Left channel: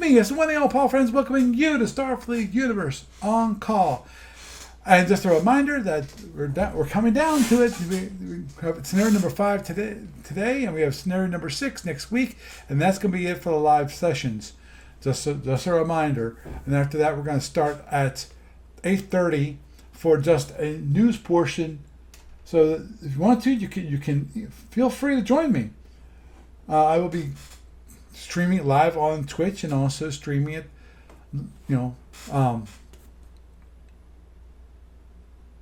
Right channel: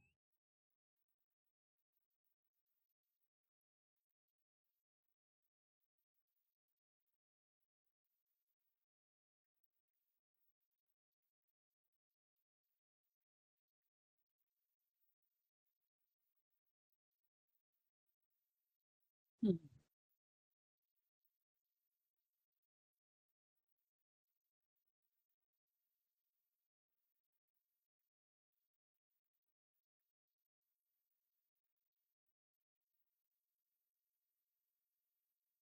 me, it's the one and all Paul Friends, welcoming you to Starfleet Universe On Call. And just a reminder that we're coming down to it. We have scenario number 5 today, and we have scenario number 6 next week, and that's going to be it for the live sessions. Just a reminder. And after that, we're going to start at 8:30 for just a news portion. So if you want to, you can feel free to join me. I will be streaming it live on Twitch and also streaming it,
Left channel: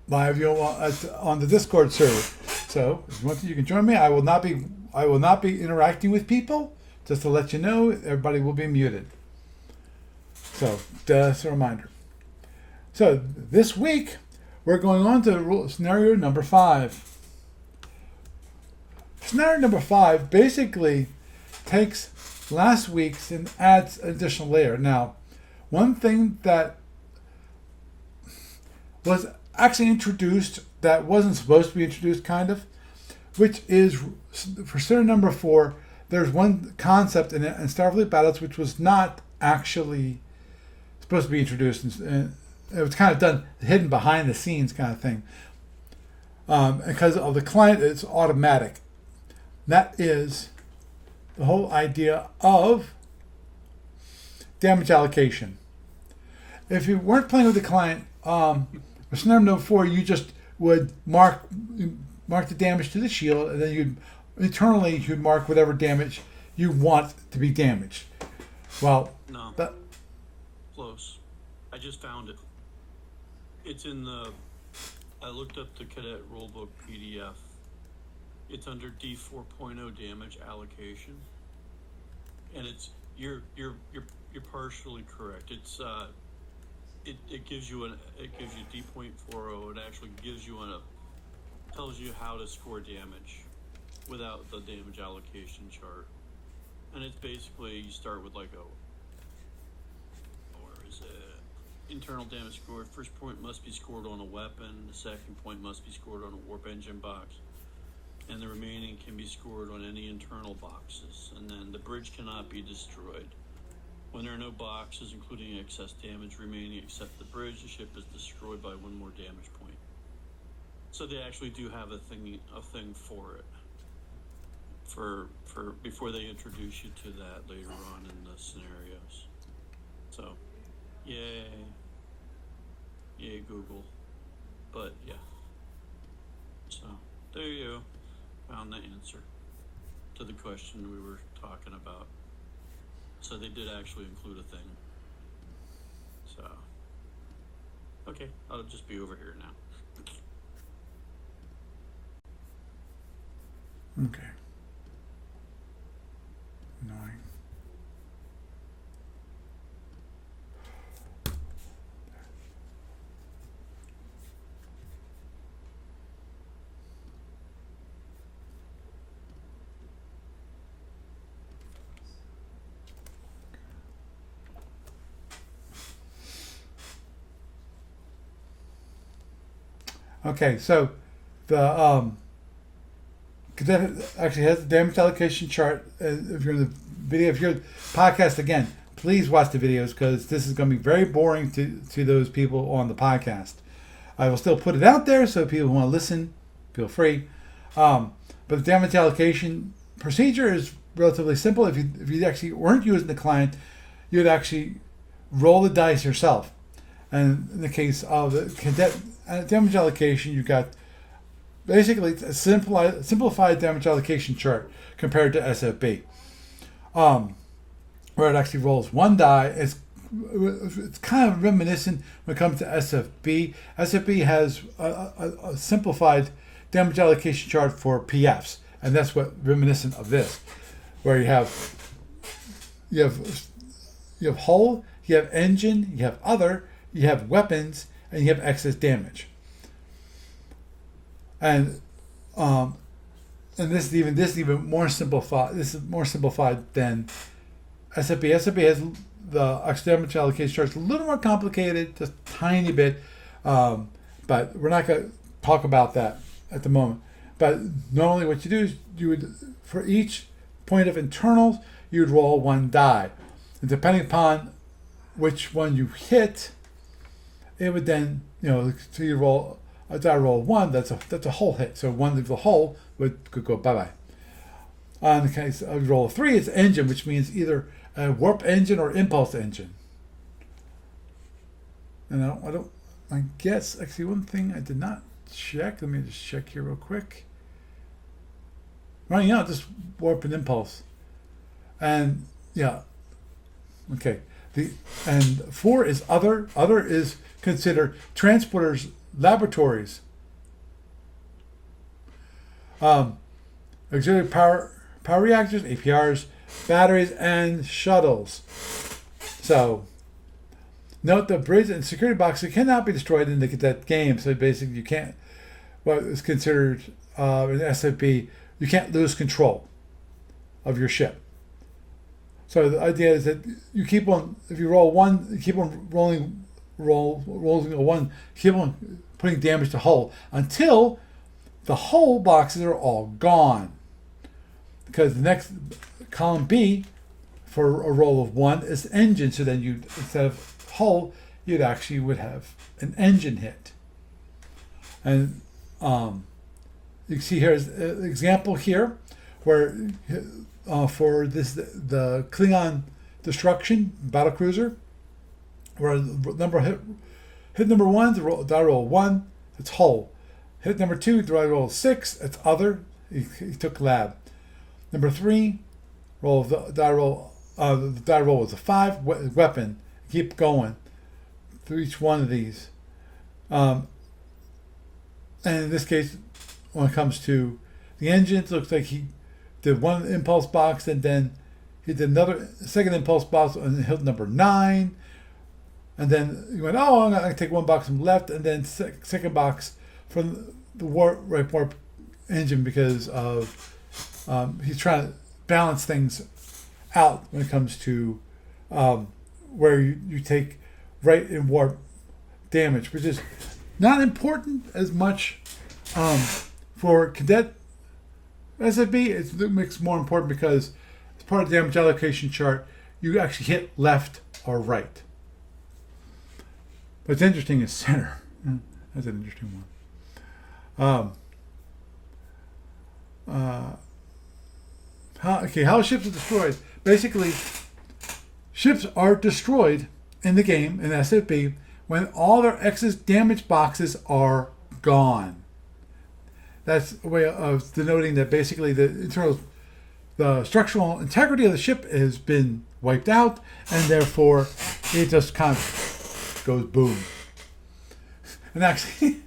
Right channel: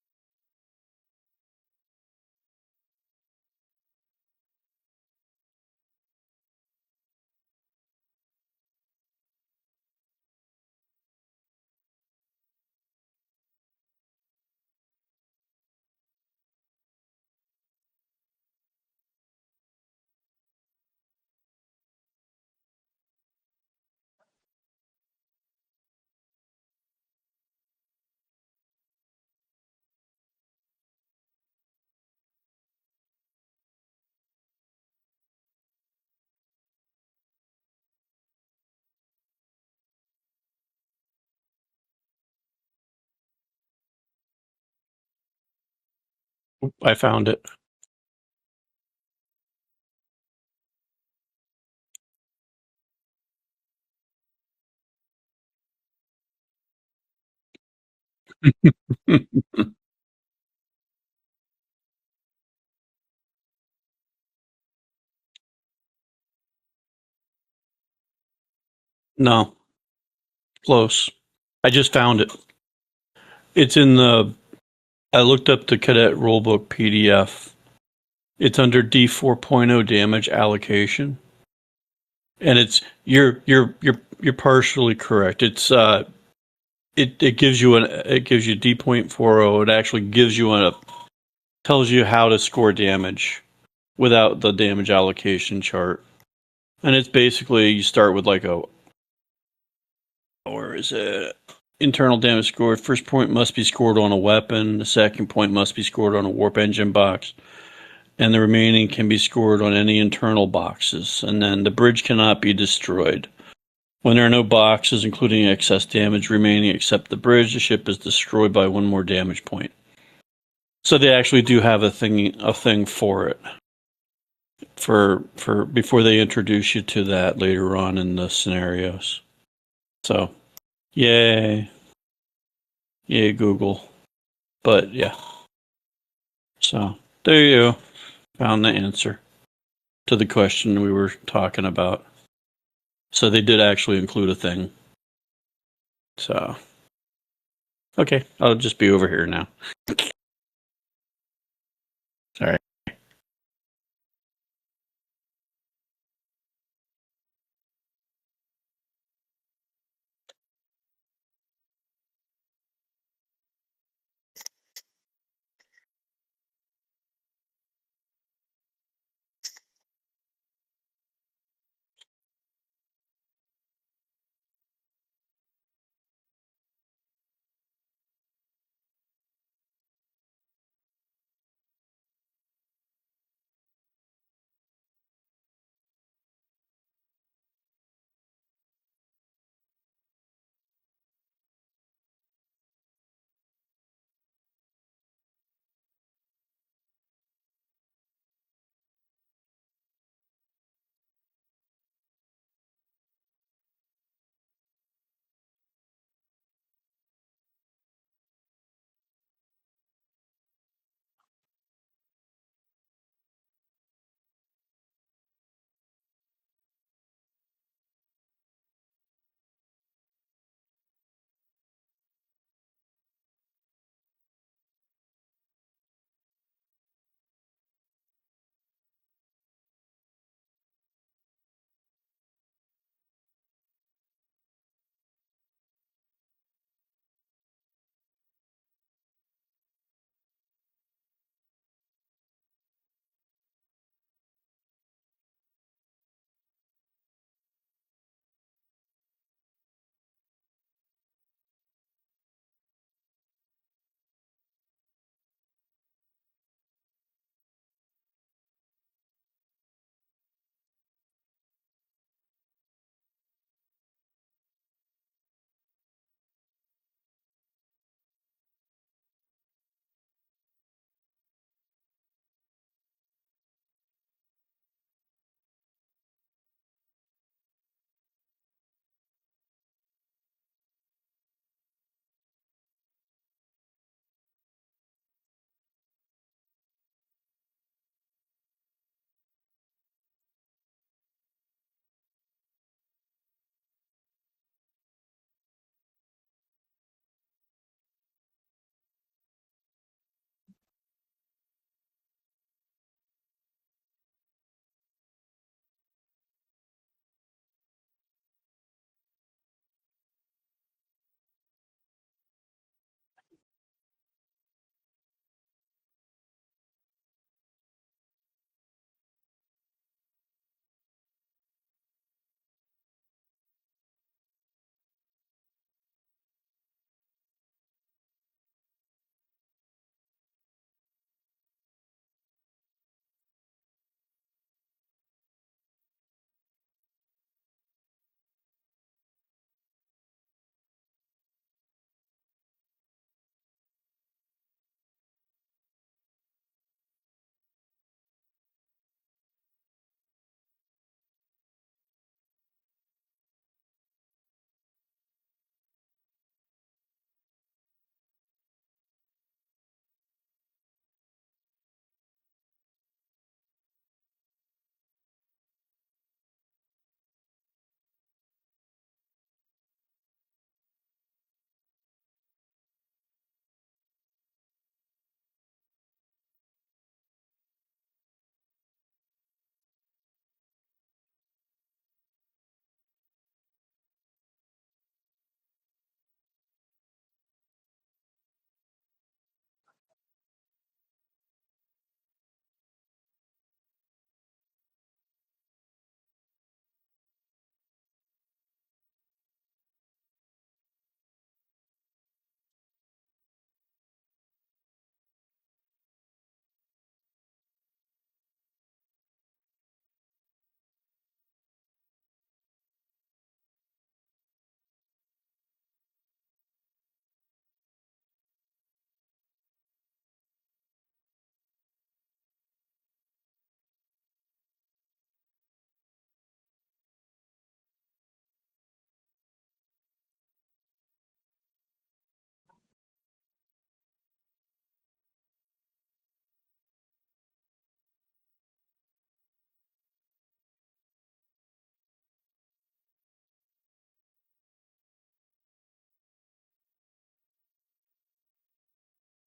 live on the Discord server. So if you want to, you can join me. I will not be interacting with people. Just to let you know, everybody will be muted. So just a reminder. So this week we're going on to scenario number 5. Scenario number 5 basically takes last week's and adds an additional layer. Now, one thing that was actually introduced that wasn't supposed to be introduced, kind of, which is for scenario number 4, there's one concept in Starfleet Battles which was not actually supposed to be introduced, and it was kind of done hidden behind the scenes kind of thing. I found it. The client is automatic. That is the whole idea of damage allocation. If you weren't playing with the client, scenario number 4, you just would mark the damage to the shield, and then you'd mark whatever damage you want to be damaged. Well, no, close. I just found it. It's in I looked up the Cadet rulebook PDF. It's under D4.0 damage allocation, and you're partially correct. It's it gives you D.40. It actually tells you how to score damage without the damage allocation chart, and it's basically you start with where is it? Internal damage scored. First point must be scored on a weapon. The second point must be scored on a warp engine box. And the remaining can be scored on any internal boxes. And then the bridge cannot be destroyed. When there are no boxes, including excess damage remaining except the bridge, the ship is destroyed by 1 more damage point. So they actually do have a thing for it. For before they introduce you to that later on in the scenarios. So, yay Google. But yeah. So there you go. Found the answer to the question we were talking about. So they did actually include a thing. So, okay, I'll just be over here now. Sorry. Okay. 9. Okay, so the Cadet actually has the damage allocation chart. If you're in the video, if you're podcast again, please watch the videos because this is going to be very boring to those people on the podcast. I will still put it out there so people who want to listen, feel free. But the damage allocation procedure is relatively simple. If you actually weren't using the client, you'd actually roll the dice yourself. And in the case of the Cadet damage allocation, you got basically a simplified damage allocation chart compared to SFB, where it actually rolls 1 die. It's kind of reminiscent when it comes to SFB. SFB has a simplified damage allocation chart for PFs, and that's what reminiscent of this, where you have hull, you have engine, you have other, you have weapons, and you have excess damage. And this is even more simplified. This is more simplified than SFB. SFB has the extra damage allocation chart. It's a little more complicated, just a tiny bit, but we're not going to talk about that at the moment. But normally, what you do is you would, for each point of internals, you would roll 1 die. And depending upon which one you hit, it would then, so you roll a die roll 1, that's a whole hit. So one of the whole could go bye-bye. In the case of roll 3, it's engine, which means either a warp engine or impulse engine. And I guess, actually one thing I did not check, let me just check here real quick. Right, just warp and impulse. And yeah, okay. And 4 is other. Other is considered transporters, laboratories, auxiliary power reactors, APRs, batteries, and shuttles. So note the bridge and security boxes cannot be destroyed in the Cadet game. So basically, you can't. What is considered in SFB, you can't lose control of your ship. So the idea is that you keep on, if you roll 1, you keep on rolling a 1, keep on putting damage to hull until the hull boxes are all gone. Because the next column B for a roll of 1 is engine. So then you, instead of hull, you'd actually would have an engine hit. And you can see here is an example here where for the Klingon destruction battlecruiser, where hit number 1, the die roll 1, it's hull. Hit number 2, die roll 6, it's other. He took lab. Number 3, the die roll was a 5, weapon. Keep going through each one of these. And in this case, when it comes to the engines, it looks like he did one impulse box, and then he did another second impulse box on hill number 9, and then he went, I'm going to take one box from the left, and then second box from the warp engine, because of he's trying to balance things out when it comes to where you take right and warp damage, which is not important as much for Cadet SFB. It makes more important because as part of the damage allocation chart, you actually hit left or right. What's interesting is center. That's an interesting one. How ships are destroyed. Basically, ships are destroyed in the game, in SFB, when all their excess damage boxes are gone. That's a way of denoting that basically the structural integrity of the ship has been wiped out, and therefore it just kind of goes boom. And actually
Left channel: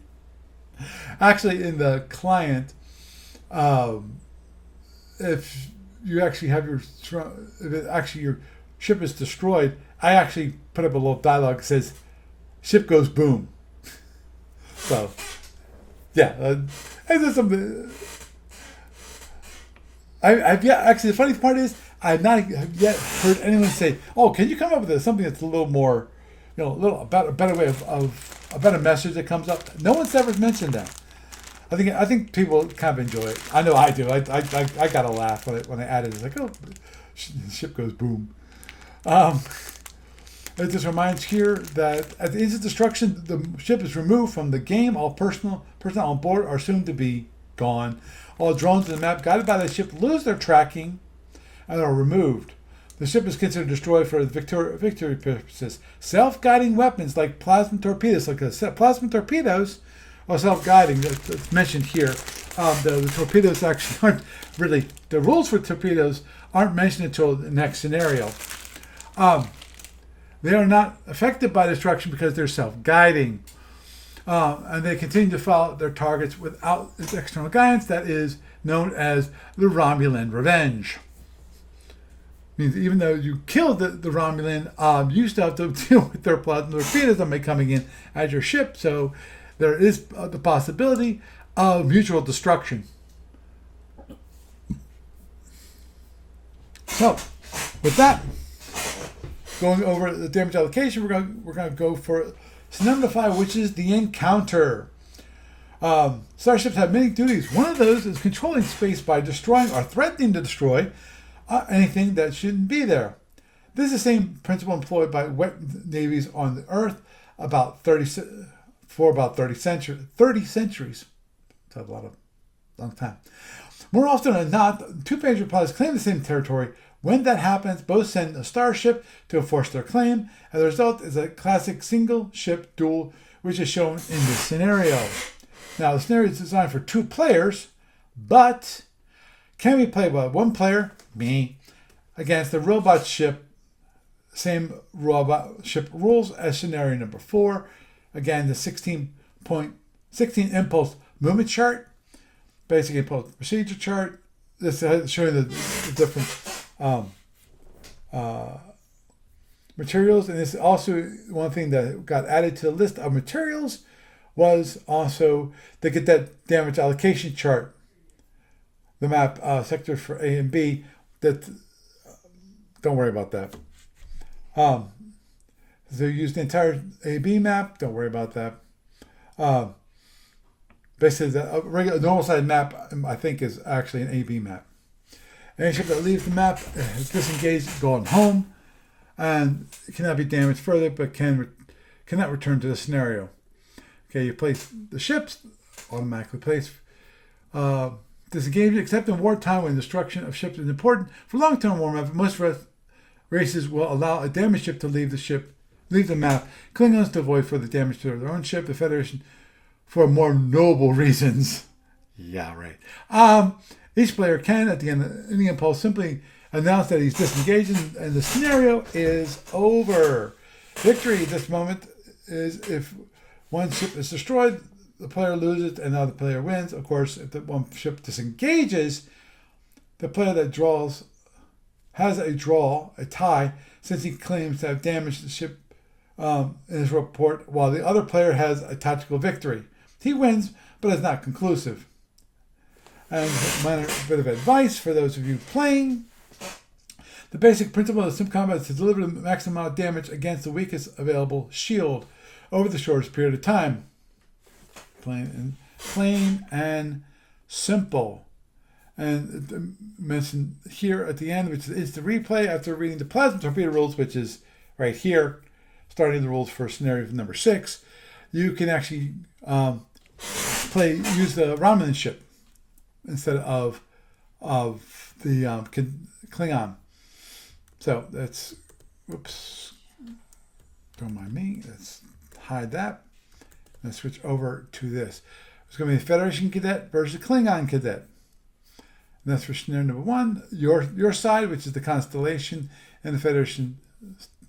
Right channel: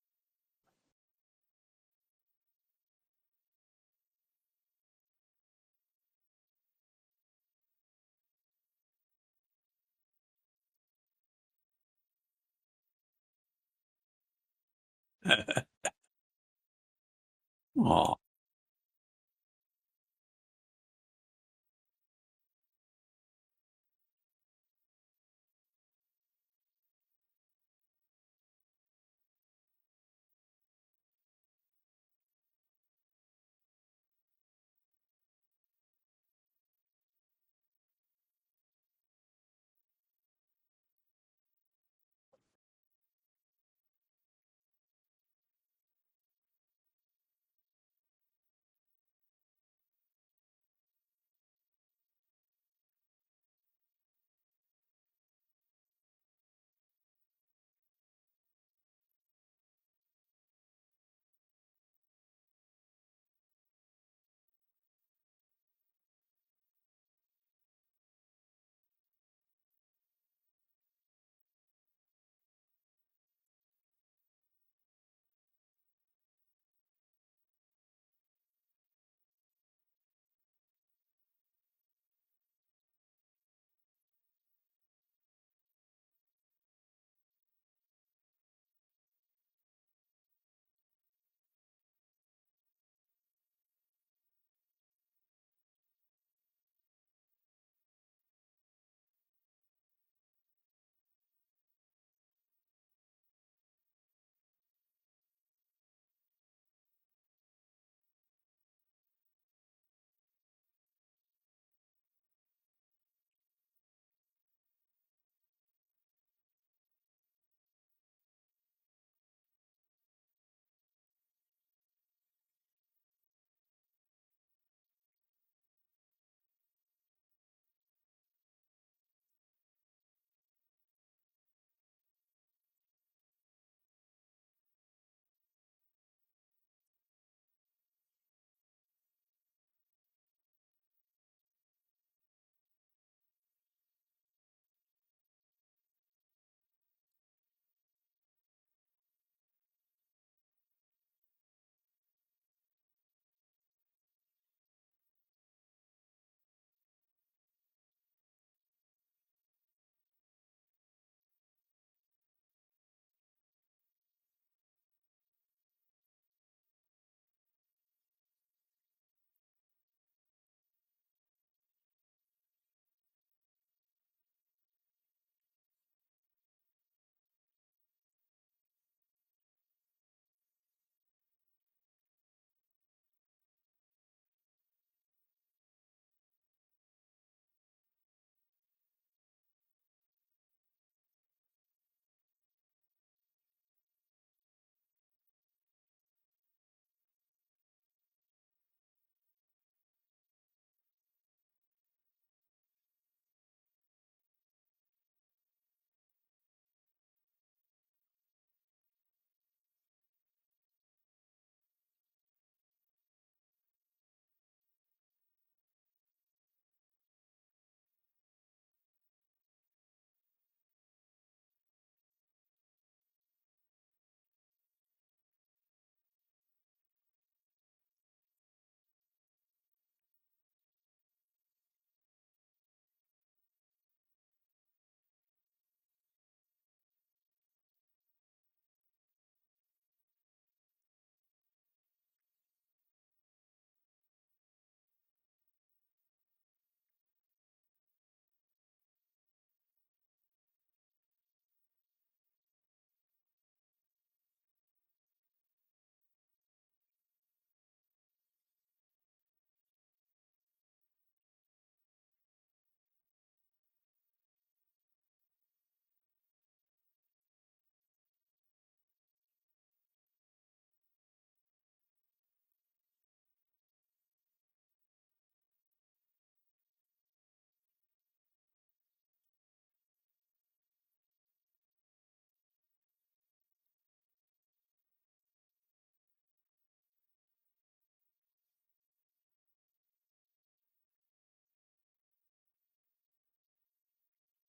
in the client, if you actually have your ship is destroyed, I actually put up a little dialogue that says, "Ship goes boom." So, yeah, and there's something. Actually, the funny part is I've not yet heard anyone say, "Oh, can you come up with something that's a little more, a better way of a better message that comes up?" No one's ever mentioned that. I think people kind of enjoy it. I know I do. I got a laugh when I added it. It's like, oh, ship goes boom. It just reminds here that at the instant destruction, the ship is removed from the game. All personnel on board are soon to be gone. All drones in the map guided by the ship lose their tracking and are removed. The ship is considered destroyed for victory purposes. Self-guiding weapons like plasma torpedoes, are self-guiding. That's mentioned here. The torpedoes actually aren't really, the rules for torpedoes aren't mentioned until the next scenario. They are not affected by destruction because they're self-guiding. And they continue to follow their targets without external guidance. That is known as the Romulan revenge. Means even though you killed the Romulan, you still have to deal with their plasma torpedoes that may be coming in at your ship. So there is the possibility of mutual destruction. So, with that, going over the damage allocation, we're going to go for scenario 5, which is the encounter. Starships have many duties. One of those is controlling space by destroying or threatening to destroy anything that shouldn't be there. This is the same principle employed by wet navies on the Earth about 30 for about 30 centuries. That's a long time. More often than not, two major pilots claim the same territory. When that happens, both send a starship to enforce their claim, and the result is a classic single ship duel, which is shown in this scenario. Now, the scenario is designed for 2 players, but can be played by 1 player, me, against the robot ship. Same robot ship rules as scenario number 4. Again, the 16 impulse movement chart, basic impulse procedure chart. This is showing the different materials, and this is also one thing that got added to the list of materials was also the Cadet damage allocation chart, the map sectors for A and B. That don't worry about that. They used the entire A-B map. Don't worry about that. Basically, the regular normal side map, I think, is actually an A-B map. Any ship that leaves the map is disengaged, going home, and it cannot be damaged further, but cannot return to the scenario. Okay, you place the ships, automatically place disengaged, except in wartime when destruction of ships is important. For long-term warmap, most races will allow a damaged ship to leave the map. Klingons to avoid further damage to their own ship. The Federation, for more noble reasons. Yeah, right. Each player can, at the end of any impulse, simply announce that he's disengaged and the scenario is over. Victory at this moment is if one ship is destroyed, the player loses and the other player wins. Of course, if the one ship disengages, the player that draws has a tie, since he claims to have damaged the ship in his report, while the other player has a tactical victory. He wins, but is not conclusive. And a minor bit of advice for those of you playing. The basic principle of sim combat is to deliver the maximum amount of damage against the weakest available shield over the shortest period of time. Plain and simple. And mentioned here at the end, which is the replay after reading the plasma torpedo rules, which is right here, starting the rules for scenario number 6. You can actually use the Romulan ship instead of the Klingon. So that's, whoops, don't mind me. Let's hide that. Let's switch over to this. It's going to be the Federation Cadet versus Klingon Cadet. And that's for scenario number 1. Your side, which is the Constellation, and the Federation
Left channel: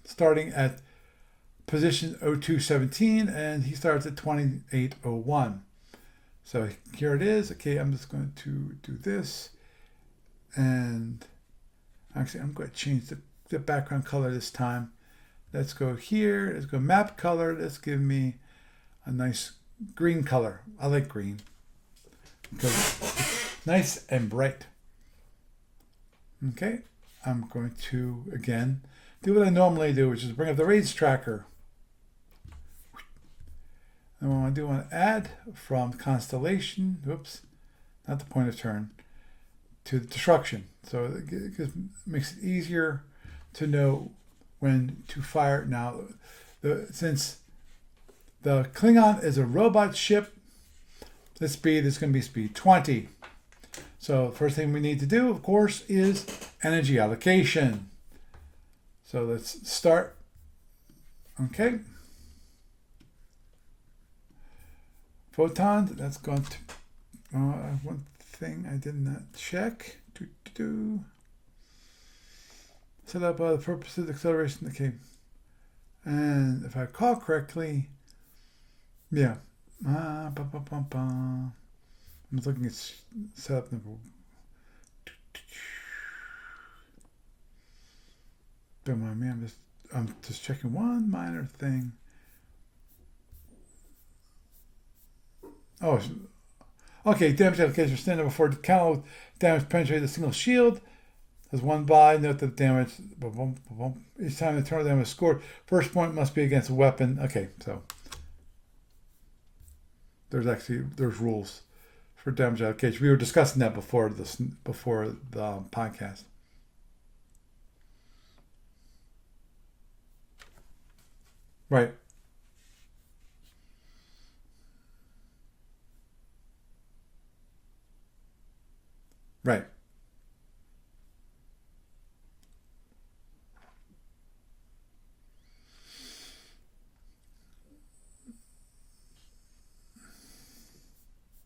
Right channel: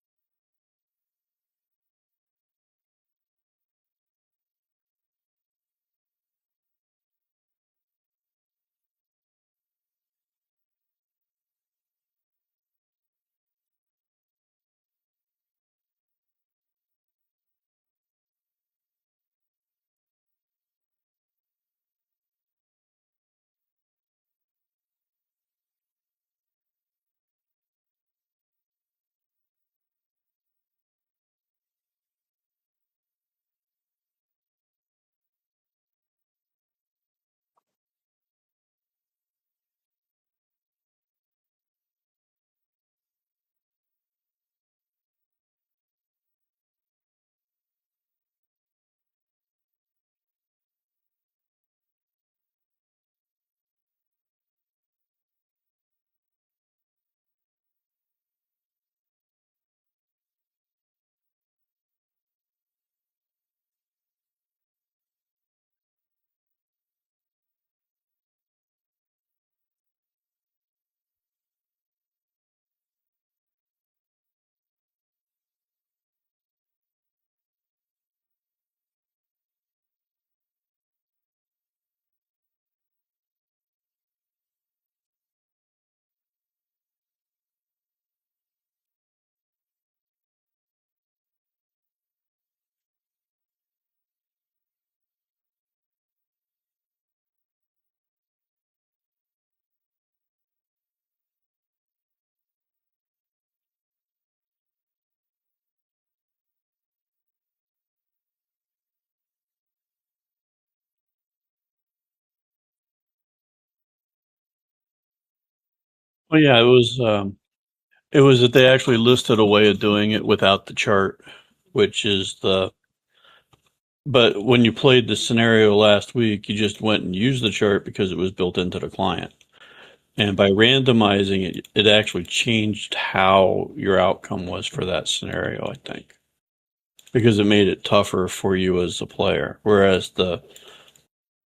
starting at position 0217, and he starts at 2801. So here it is. Okay, I'm just going to do this. And actually, I'm going to change the background color this time. Let's go here. Let's go map color. Let's give me a nice green color. I like green because it's nice and bright. Okay, I'm going to, again, do what I normally do, which is bring up the raids tracker. And what I do, I want to add from Constellation, oops, not the point of turn, to destruction. So it makes it easier to know when to fire. Now, since the Klingon is a robot ship, the speed is going to be speed 20. So first thing we need to do, of course, is energy allocation. So let's start. Okay. Photons, that's going to, one thing I did not check. Set up the purpose of the acceleration. Okay. And if I recall correctly, yeah. I'm looking at setup number. Don't mind me. I'm just checking one minor thing. Oh, okay. Damage application standing before the counter. Damage penetrated the single shield. As one by, note that damage. Each time the internal damage is scored, first point must be against a weapon. Okay, so there's rules for damage allocation. We were discussing that before the podcast. Oh yeah, it was It was that they actually listed a way of doing it without the chart, Right. which is but when you played the scenario last week, you just went and used the chart because it was built into the client. Right. And by randomizing it, it actually changed how your outcome was for that scenario, I think. Because it made it tougher for you as a player. Whereas the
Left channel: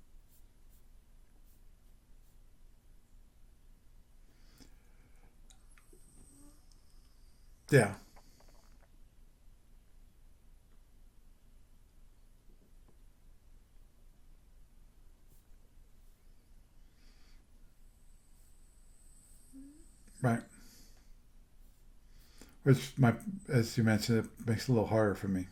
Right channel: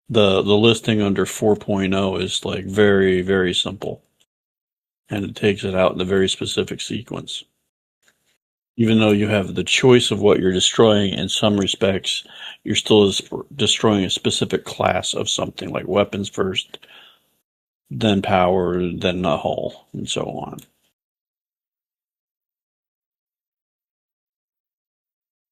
listing under 4.0 is like very, very simple. And it takes it out in a very specific sequence. Yeah. Even though you have the choice of what you're destroying, in some respects, you're still destroying a specific class of something, like weapons first, then power, then the hull, and so Right. on. Which as you mentioned, it makes it a little harder for me.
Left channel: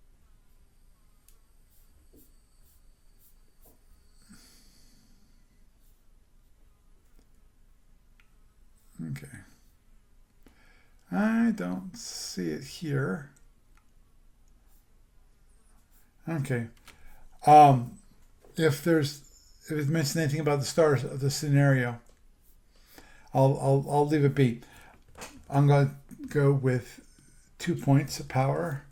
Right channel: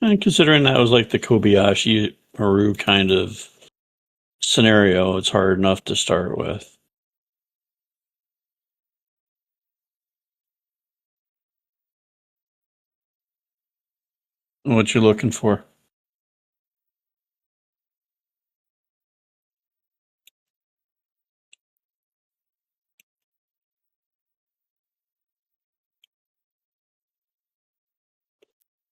And considering that was like the Kobayashi Maru kind of scenario, it's hard enough to start with. Okay. I don't see it here. What you're looking for. Okay. Um, if it mentions anything about the stars of the scenario, I'll leave it be. I'm going to go with 2 points of power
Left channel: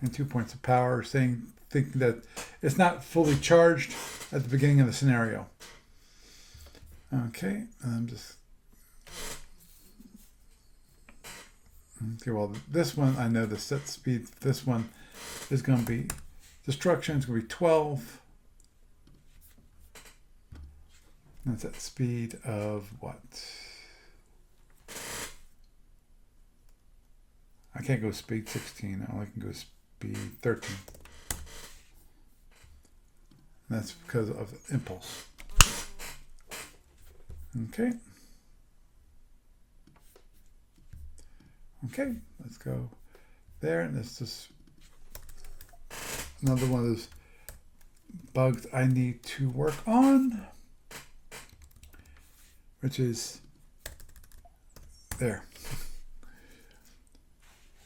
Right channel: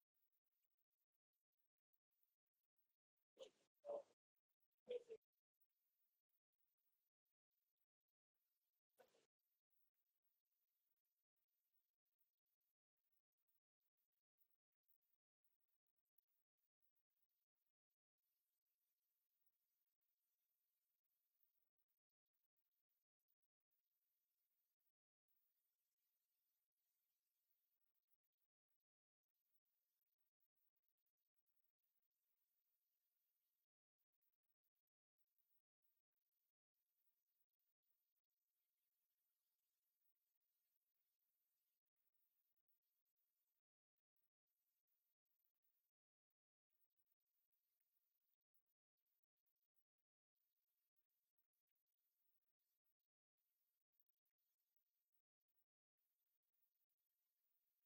and 2 points of power, thinking that it's not fully charged at the beginning of the scenario. Okay, I'm just okay. Well, this one I know the set speed. This one is going to be destruction. It's going to be 12. That's at speed of what? I can't go speed 16. I only can go speed 13. And that's because of impulse. Okay. Okay, let's go there. And this is another one of those bugs I need to work on, which is there.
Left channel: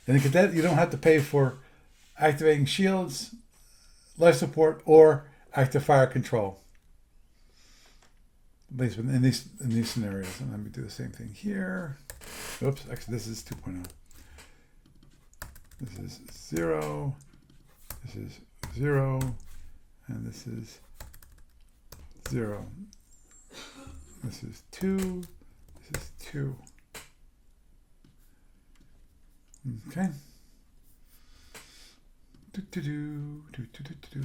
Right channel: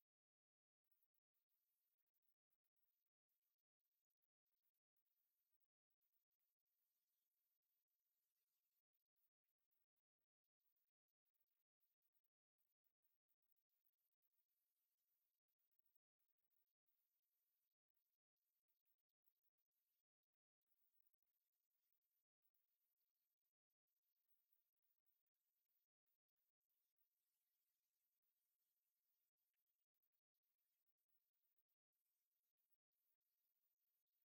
In a cadet, you don't have to pay for activating shields, life support, or active fire control. At least in these scenarios. And let me do the same thing here. Oops, actually this is 2.0. This is 0. This is 0. And this is 0. This is 2. This is 2. Okay. Do, do, do, do, do, do, do.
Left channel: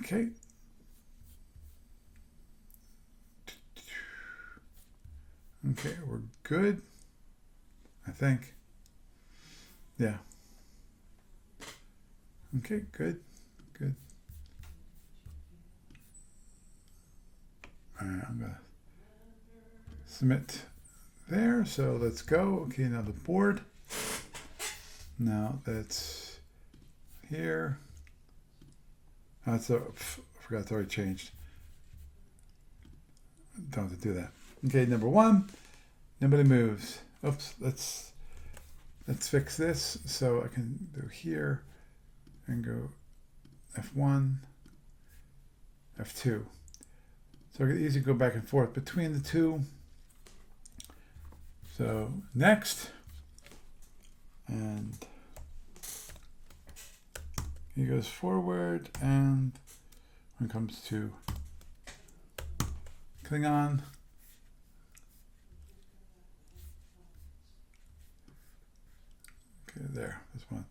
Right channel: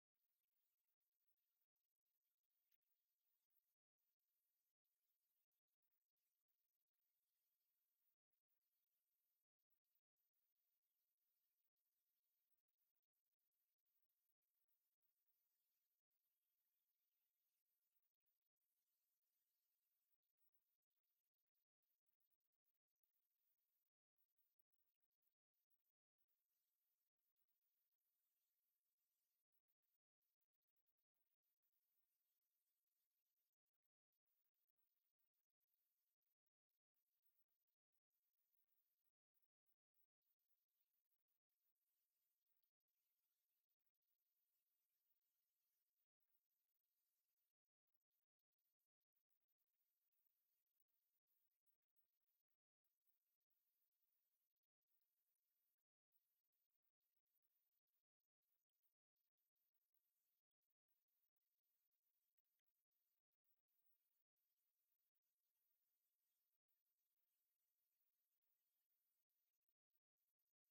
Okay. Okay, we're good. I think. Yeah. Okay, good. Good. All right, I'm going to submit there. So let's go. Okay, now the board. Now that's here. That's I forgot it's already changed. Don't have to do that. Okay, number 1. Nobody moves. Oops, let's fix this. So I can go here and go F1, F2. So I can easily go back and forth between the two. So next, and he goes forward, and when it comes to Klingon, okay, there, this one.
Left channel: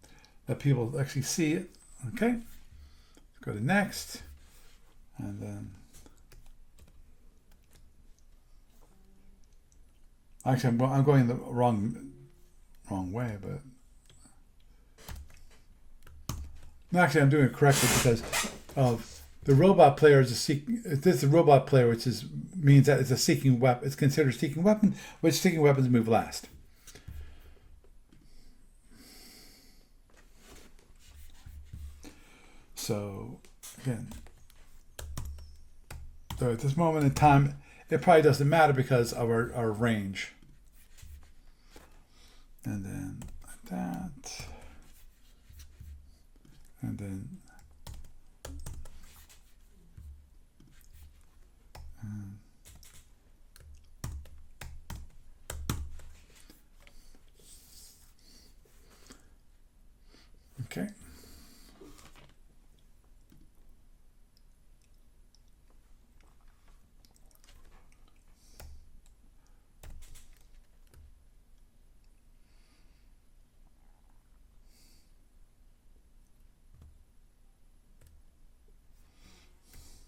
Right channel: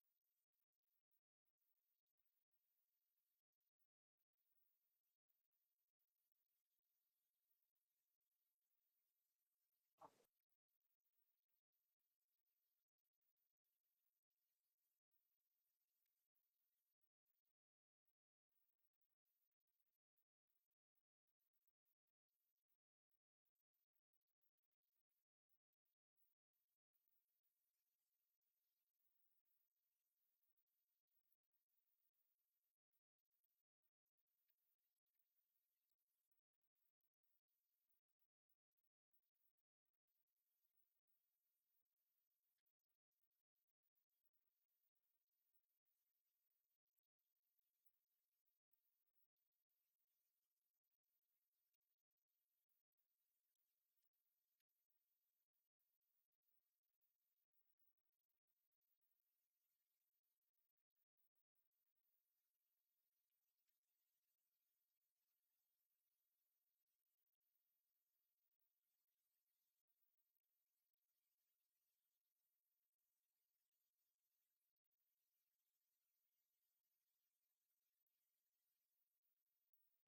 Let people actually see it. Okay, let's go to next, and then actually I'm going the wrong way, but actually I'm doing it correctly because of the robot player is a seeking. This is a robot player, which means that it's a seeking weapon. It's considered a seeking weapon, which seeking weapons move last. So again, so at this moment in time, it probably doesn't matter because of our range. And then like that. And then Okay.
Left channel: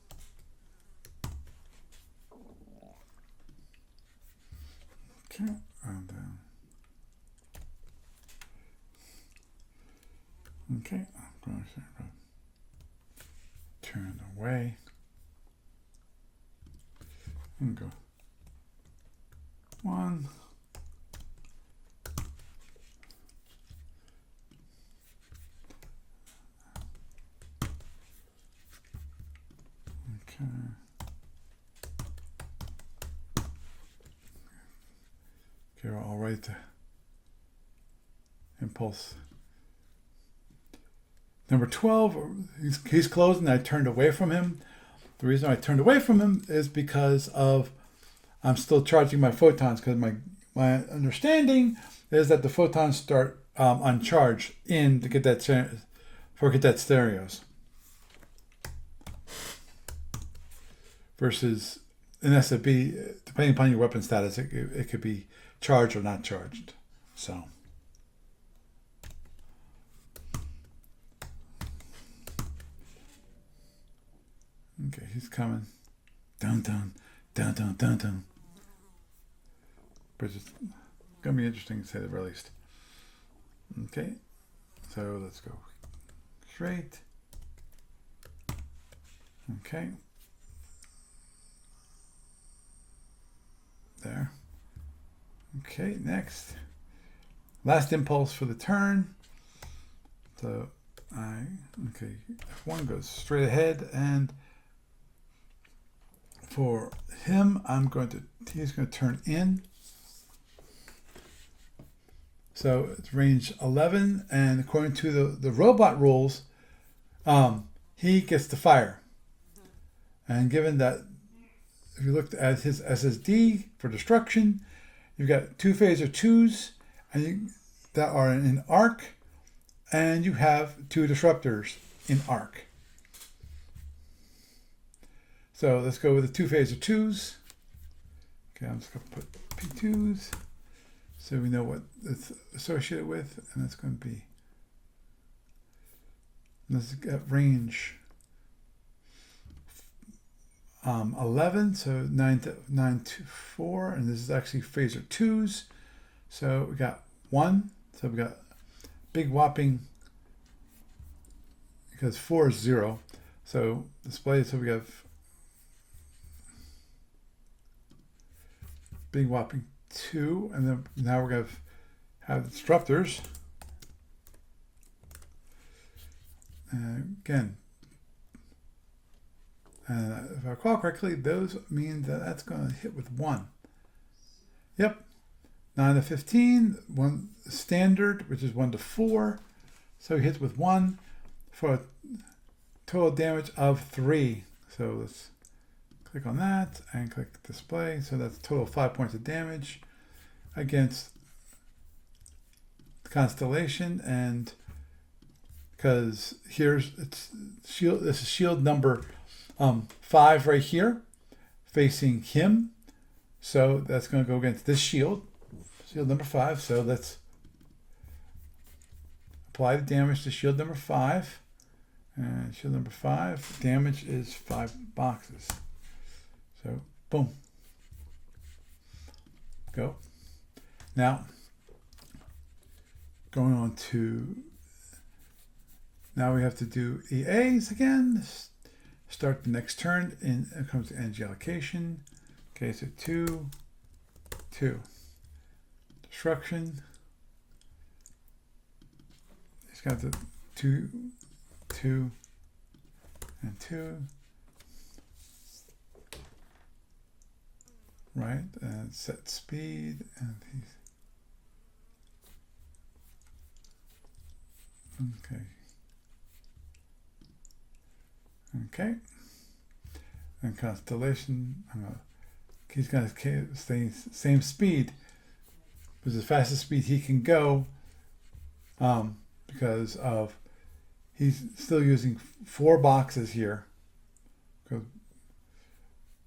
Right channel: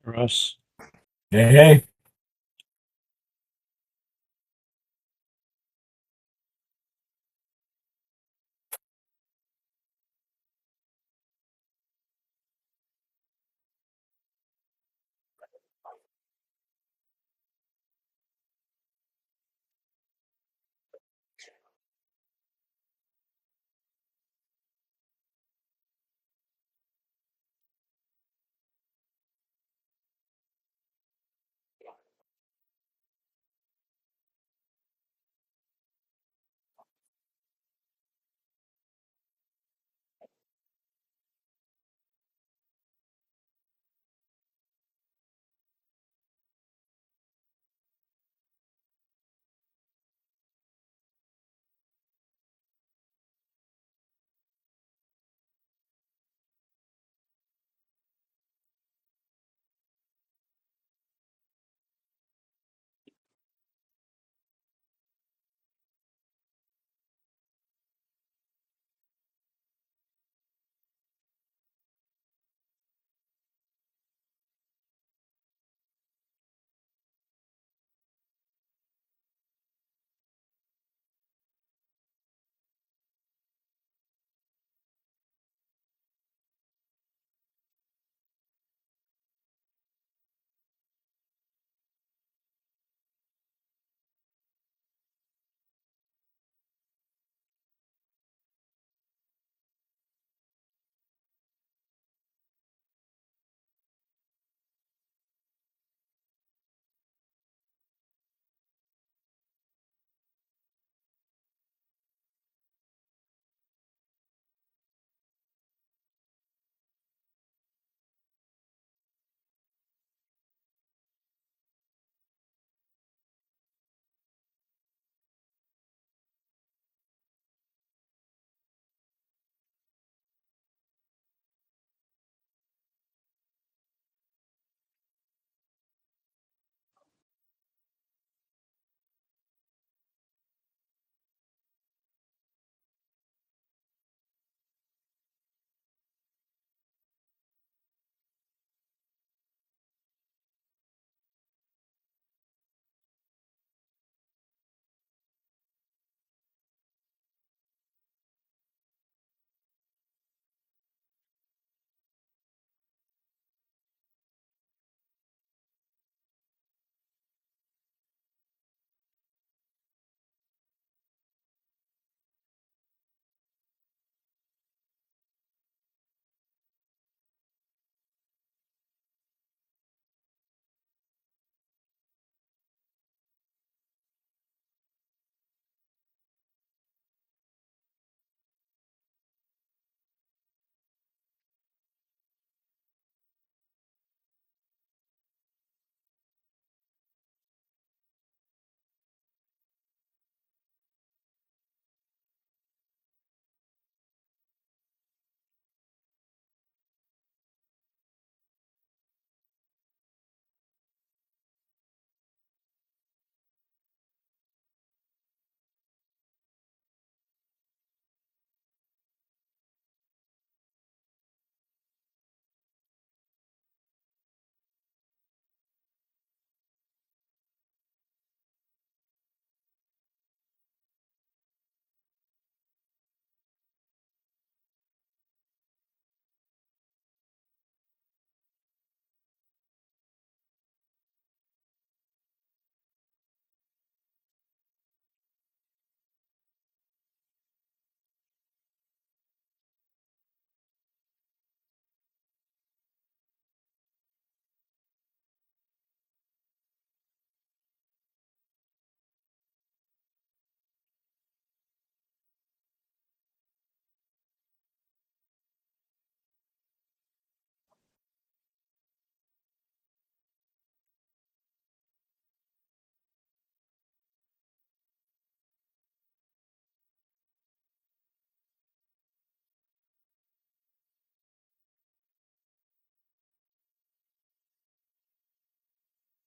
Russ. Hey, hey. Okay. And okay. I'm going to turn away and go 1. Okay. Okay, I'll write the impulse. Number 12, he's closing. I turned away from him. The reason I turned away from him is because of I'm still charging my photons, because my understanding is that the photons start on charge in the cadet stereos versus in SFB, depending upon your weapon status, it could be charged or not charged. So. Okay, he's coming. Dun dun dun dun dun dun. But it's gonna be interesting to say the very least. Okay, so let's go straight. Okay. There. Okay, next. Last impulse for the turn. So okay, F1 goes straight ahead, and for him, he's going to turn in. So it's range 11, and according to the robot rules, he gets to fire. And given that, if you looked at his SSD for destruction, you've got 2 phaser 2s that are in arc, and you have 2 disruptors in arc. So let's go with the 2 phaser 2s. Okay, I'm just going to put P2s so we know what it's associated with, and that's going to be, let's get range 11, so 9 to 4, and this is actually phaser 2s. So we got 1, so we got big whopping, because 4 is 0. So display, so we have big whopping 2, and then now we're going to have the disruptors. Again, if I recall correctly, those mean that that's going to hit with 1. Yep. 9 to 15, 1 standard, which is 1 to 4. So he hits with 1 for a total damage of 3. So let's click on that and click display. So that's a total of 5 points of damage against the constellation. And because here's it's shield, this is shield number 5 right here, facing him. So that's going to go against this shield number 5. So let's apply the damage to shield number 5. And shield number 5, damage is 5 boxes. So, boom. Go. Now, going on to, now we have to do EAs again. Start the next turn, and it comes to energy allocation. Okay, so 2, 2. Destruction. It's got the 2, 2, and 2. Right, and set speed, and he's okay. And constellation, he's gonna stay same speed, which is the fastest speed he can go, because of he's still using 4 boxes here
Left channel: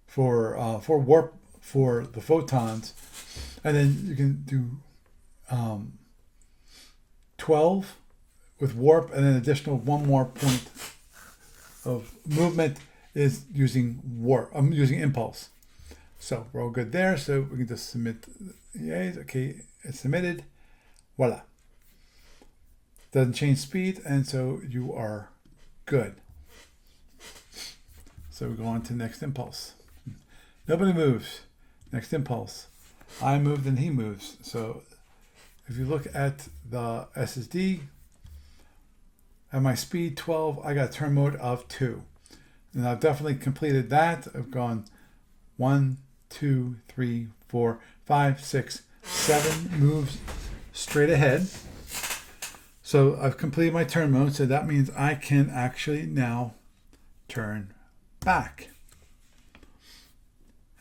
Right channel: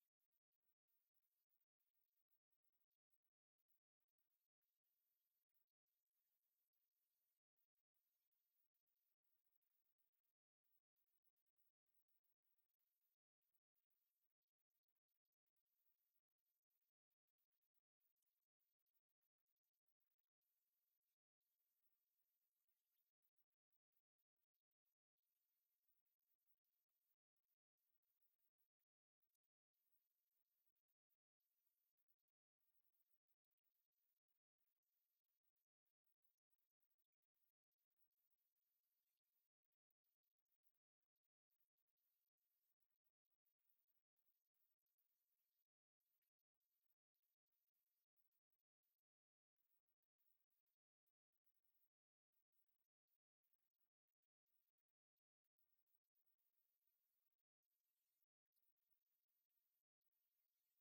for warp for the photons, and then you can do 12 with warp, and then additional 1 more point of movement is using warp. I'm using impulse. So we're all good there. So we can just submit. Yes, okay, it's submitted. Voila. Doesn't change speed, and so you are good. So we go on to next impulse. Nobody moves. Next impulse. I moved and he moves. So if you look at the SSD, at my speed 12, I got turn mode of 2. And I've definitely completed that. I've gone 1, 2, 3, 4, 5, 6, 7 moves straight ahead. So I've completed my turn mode. So that means I can actually now turn back.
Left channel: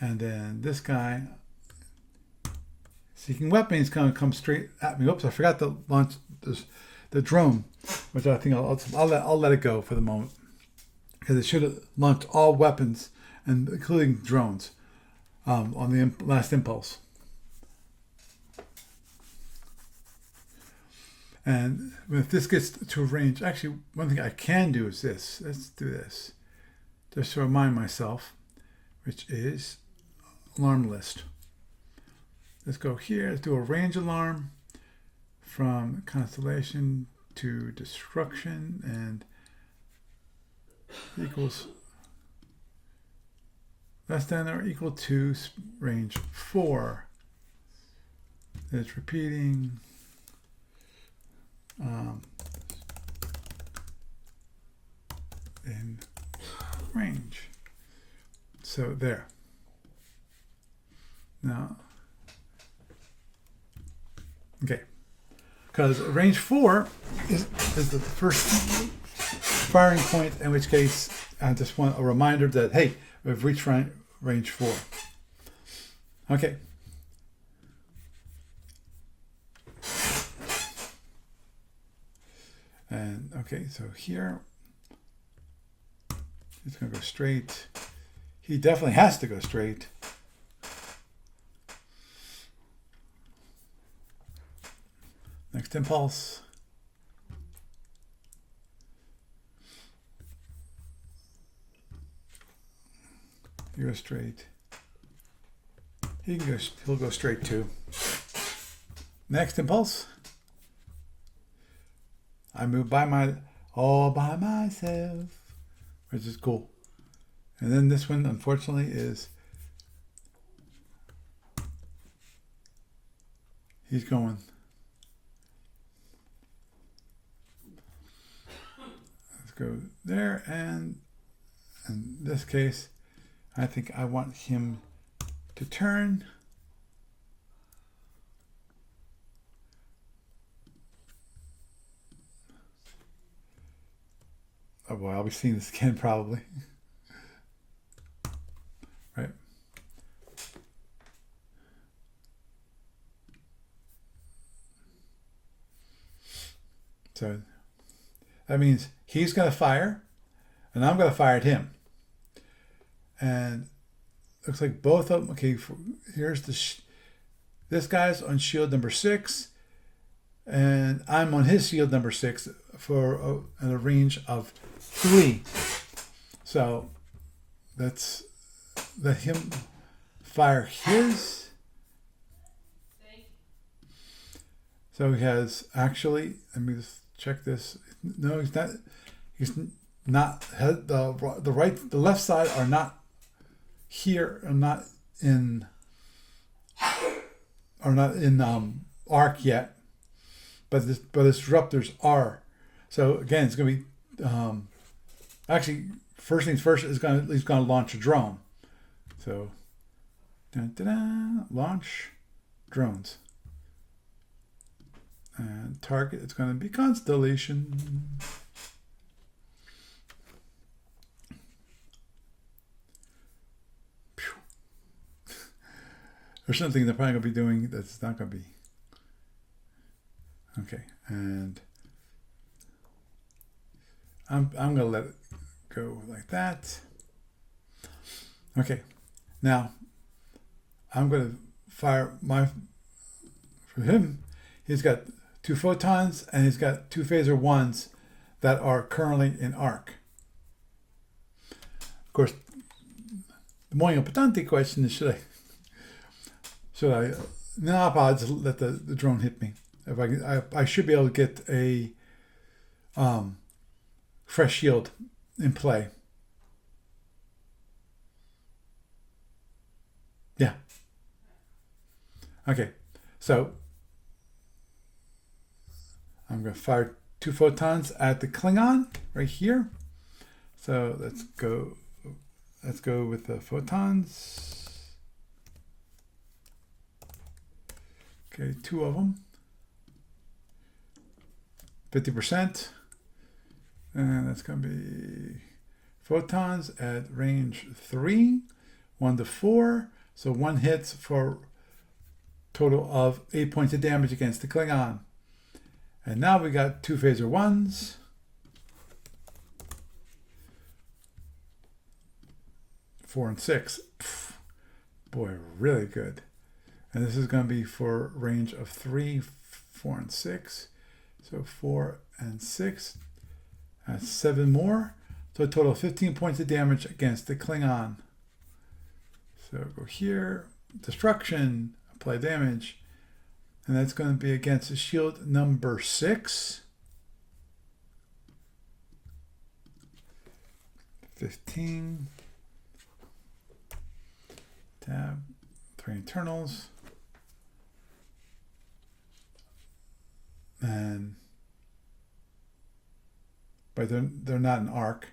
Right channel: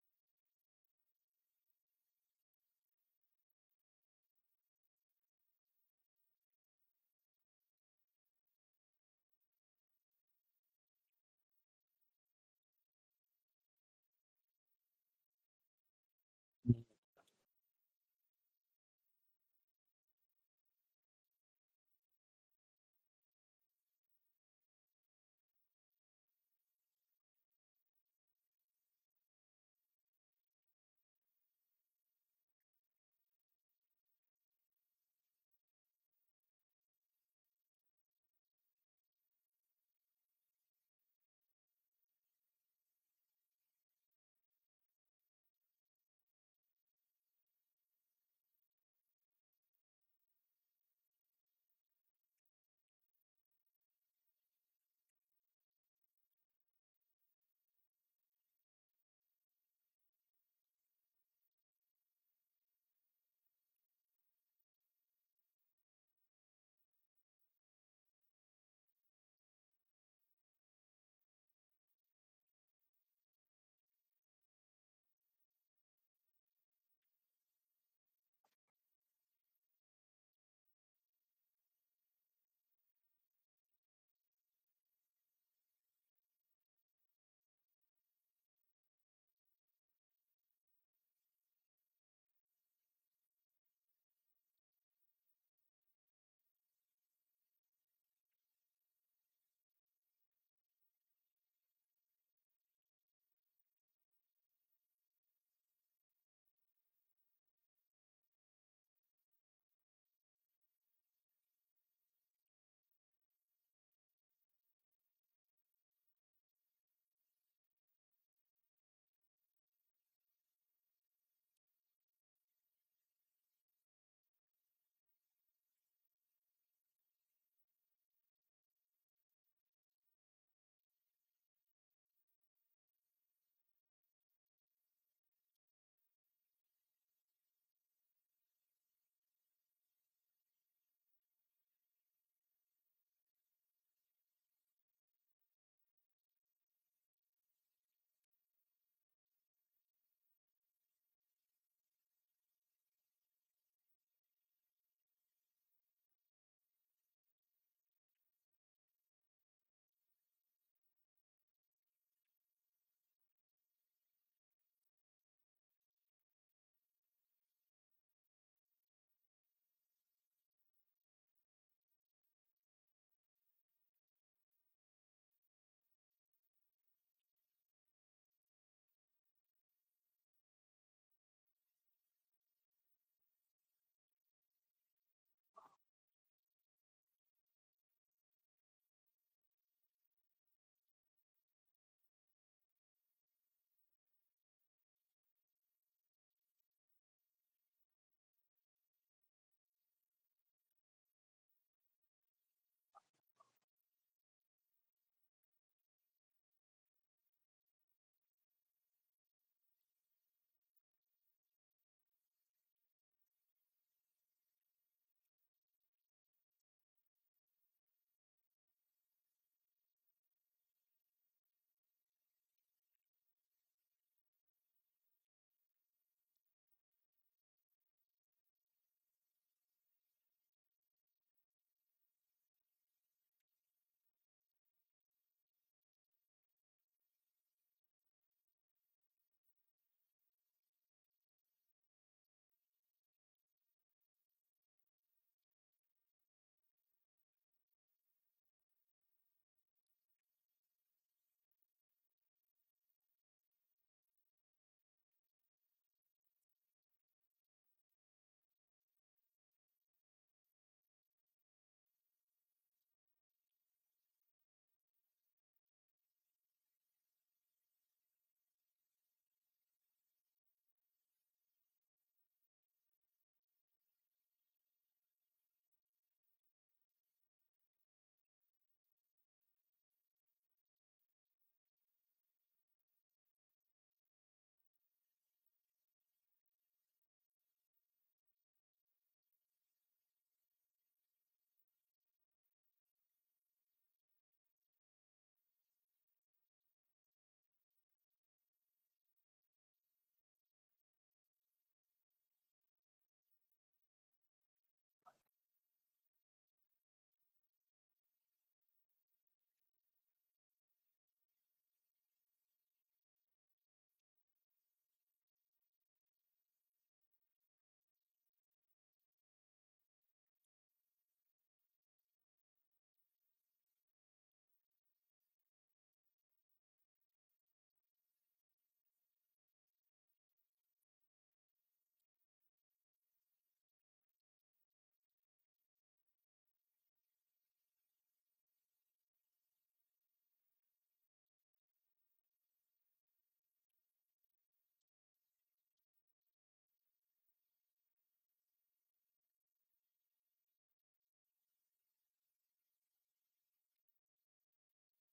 And then this guy, seeking weapon, is going to come straight at me. Oops, I forgot to launch the drone, which I think I'll let it go for the moment, because it should have launched all weapons, and including drones, on the last impulse. And if this gets to a range, actually, one thing I can do is this. Let's do this, just to remind myself, which is alarm list. Let's go here. Let's do a range alarm from constellation to destruction, and equals less than or equal to range 4. It's repeating. In range. So there. Now, okay, because range 4 is the first firing point, in which case I just want a reminder that, hey, we've reached range 4. Okay. And okay, so here he's going to go straight. He definitely has to go straight. Next impulse. You go straight. He'll go straight too. Next impulse. I move all by myself, which is cool. And then this one, unfortunately, is he's going. Let's go there, and in this case, I think I want him to turn. Oh boy, I'll be seeing this again probably. Right. So that means he's going to fire, and I'm going to fire at him. And looks like both of them. Okay, here's this guy's on shield number 6, and I'm on his shield number 6 for a range of 3. So let's let him fire his. So he has actually. Let me just check this. No, he's not. He's not. The left side are not here. Are not in arc yet. But his disruptors are. So again, it's going to be actually first things first is he's going to launch a drone. So launch drones, and target it's going to be constellation. There's something they're probably going to be doing that's not going to be. Okay, and I'm going to let it go like that. Okay. Now, I'm going to fire for him, he's got 2 photons and he's got 2 phaser 1s that are currently in arc. Of course, the more importante question is should I I'll just let the drone hit me. If I should be able to get a fresh shield in play. Yeah. Okay. So I'm going to fire 2 photons at the Klingon right here. So let's go with the photons. Okay, 2 of them. 50%. And that's going to be photons at range 3, 1 to 4. So 1 hits for total of 8 points of damage against the Klingon. And now we got 2 phaser 1s. Four and 6. Pff, boy, really good. And this is going to be for range of 3, 4, and 6. So 4 and 6. That's 7 more. So a total of 15 points of damage against the Klingon. So go here. Destruction. Apply damage. And that's going to be against the shield number 6. 15. Tab. 3 internals. But they're not an arc.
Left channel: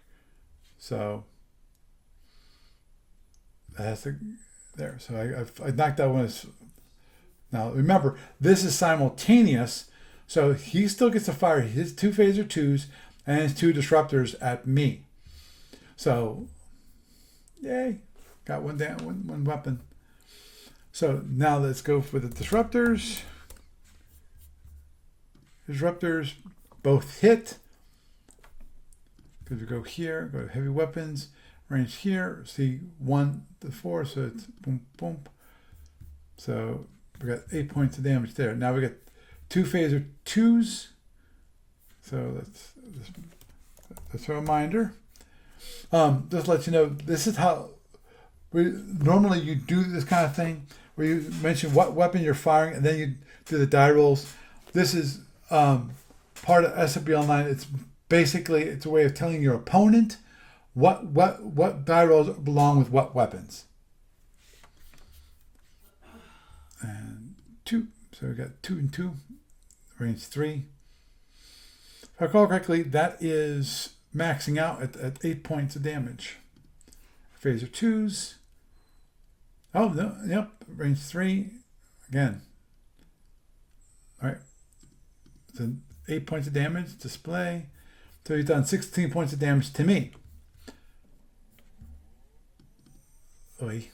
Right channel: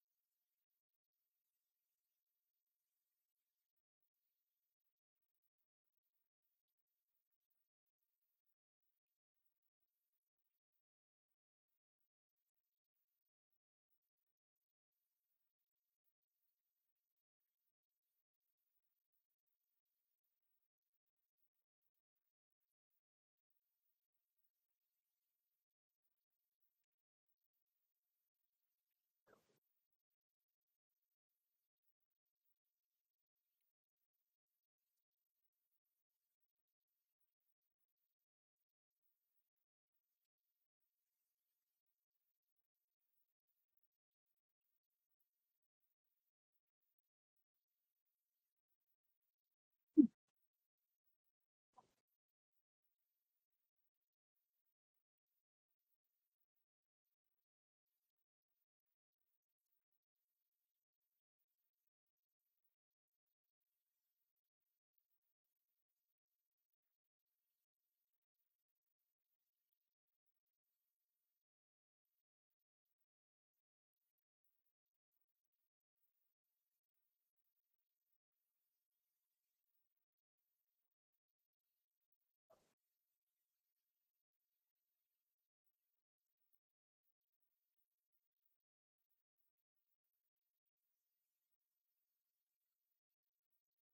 So that has to there. So I knocked that one. Now remember, this is simultaneous, so he still gets to fire his 2 phaser 2s and his 2 disruptors at me. So, yay, got one down, one weapon. So now let's go for the disruptors. Disruptors both hit. Because we go here, go to heavy weapons, range here, see 1 to 4, so it's boom, boom. So we got 8 points of damage there. Now we got 2 phaser 2s. So that's a reminder. Just to let you know, this is how normally you do this kind of thing, where you mention what weapon you're firing, and then you do the die rolls. This is part of SMP Online. It's basically a way of telling your opponent what die rolls belong with what weapons. And 2. So we got 2 and 2. Range 3. If I recall correctly, that is maxing out at 8 points of damage. Phaser 2s. Oh, no, yep. Range 3. Again. Alright. So 8 points of damage. Display. So he's done 16 points of damage to me. Oy.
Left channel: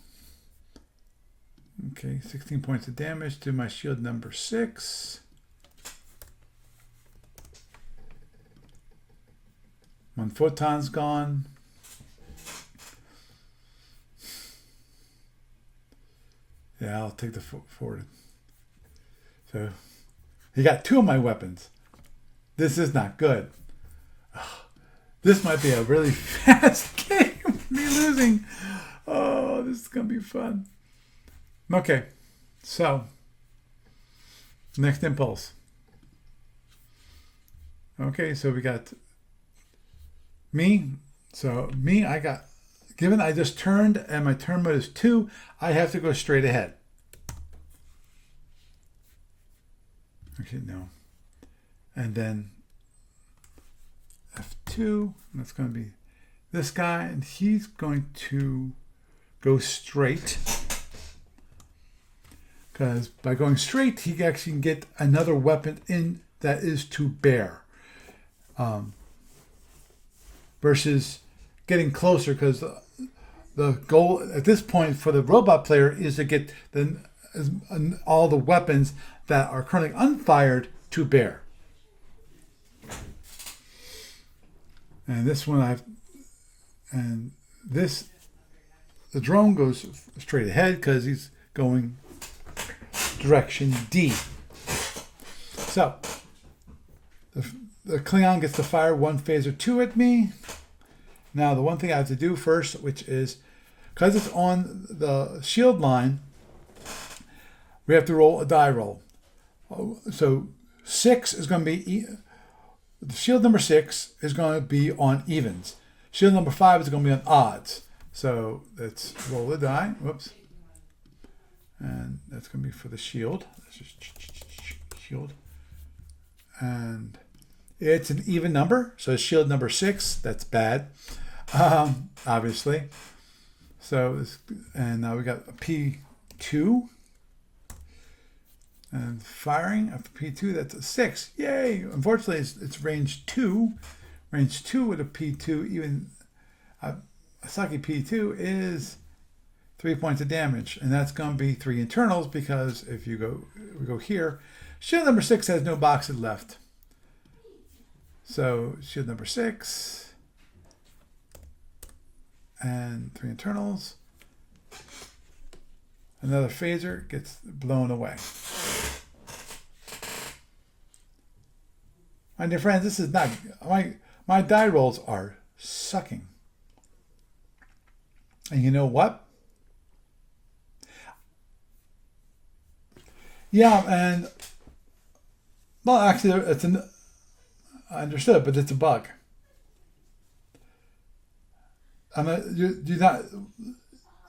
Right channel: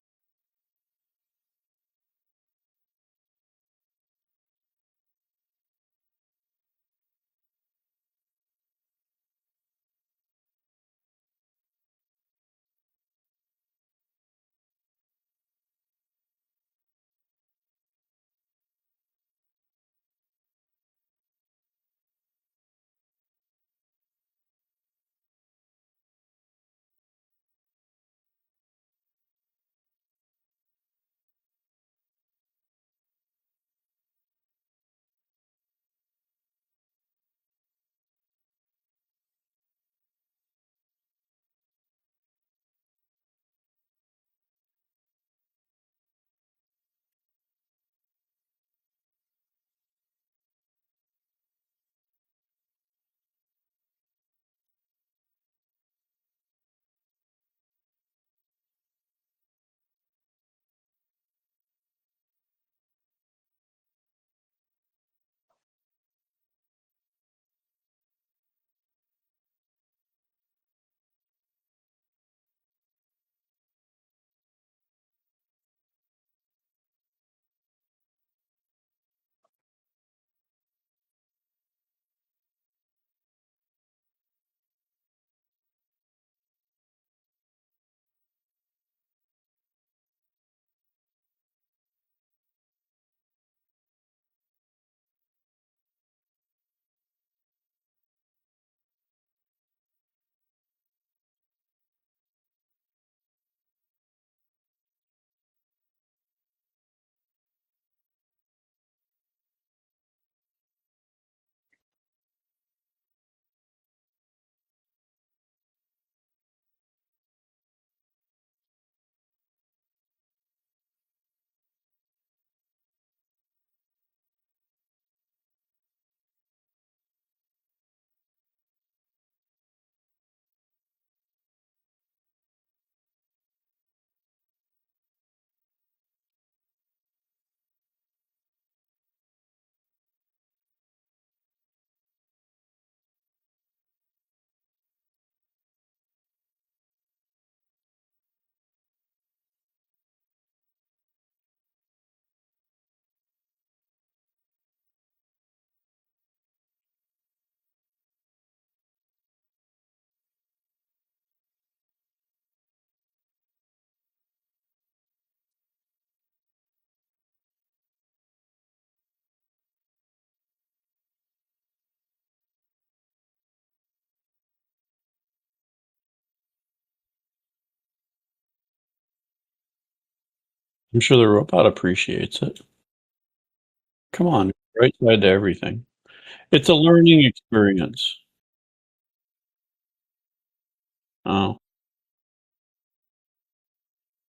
Okay, 16 points of damage to my shield number 6. 1 photon's gone. Yeah, I'll take the forward. So he got 2 of my weapons. This is not good. This might be a really fast game. Me losing. Oh, this is going to be fun. Okay, so next impulse. Okay, so we got me. So me, I got, given I just turned and my turn mode is 2, I have to go straight ahead. Actually, no. And then F2, that's going to be this guy, and he's going to go straight. Because by going straight, he actually can get another weapon in that is to bear. Versus getting closer, because the goal at this point for the robot player is to get all the weapons that are currently unfired to bear. And this one and this, the drone goes straight ahead because he's going direction D. So the Klingon gets to fire one phaser 2 at me. Now the one thing I have to do first, which is, because it's on the shield line, we have to roll a die roll. So 6 is going to be, shield number 6 is going to be on evens. Shield number 5 is going to be on odds. So let's roll the die. Whoops. And that's going to be for the shield. Let's just shield. And it's an even number. So shield number 6, that's bad. Obviously. So, and now we got a P2. And firing after P2, that's a 6. Yay! Unfortunately, it's range 2. Range 2 with a P2, even a sucky P2 is 3 points of damage. And that's going to be 3 internals because if we go here, shield number 6 has no boxes left. So shield number 6 and 3 internals. Another phaser gets blown away. My dear friends, this is not, my die rolls are sucking. And you know what? I'm sure the robot appreciates it. Yeah, and Come on, right side to everything. well, actually, It's a learning experience. I understood, but it's a bug. Oh, You're not.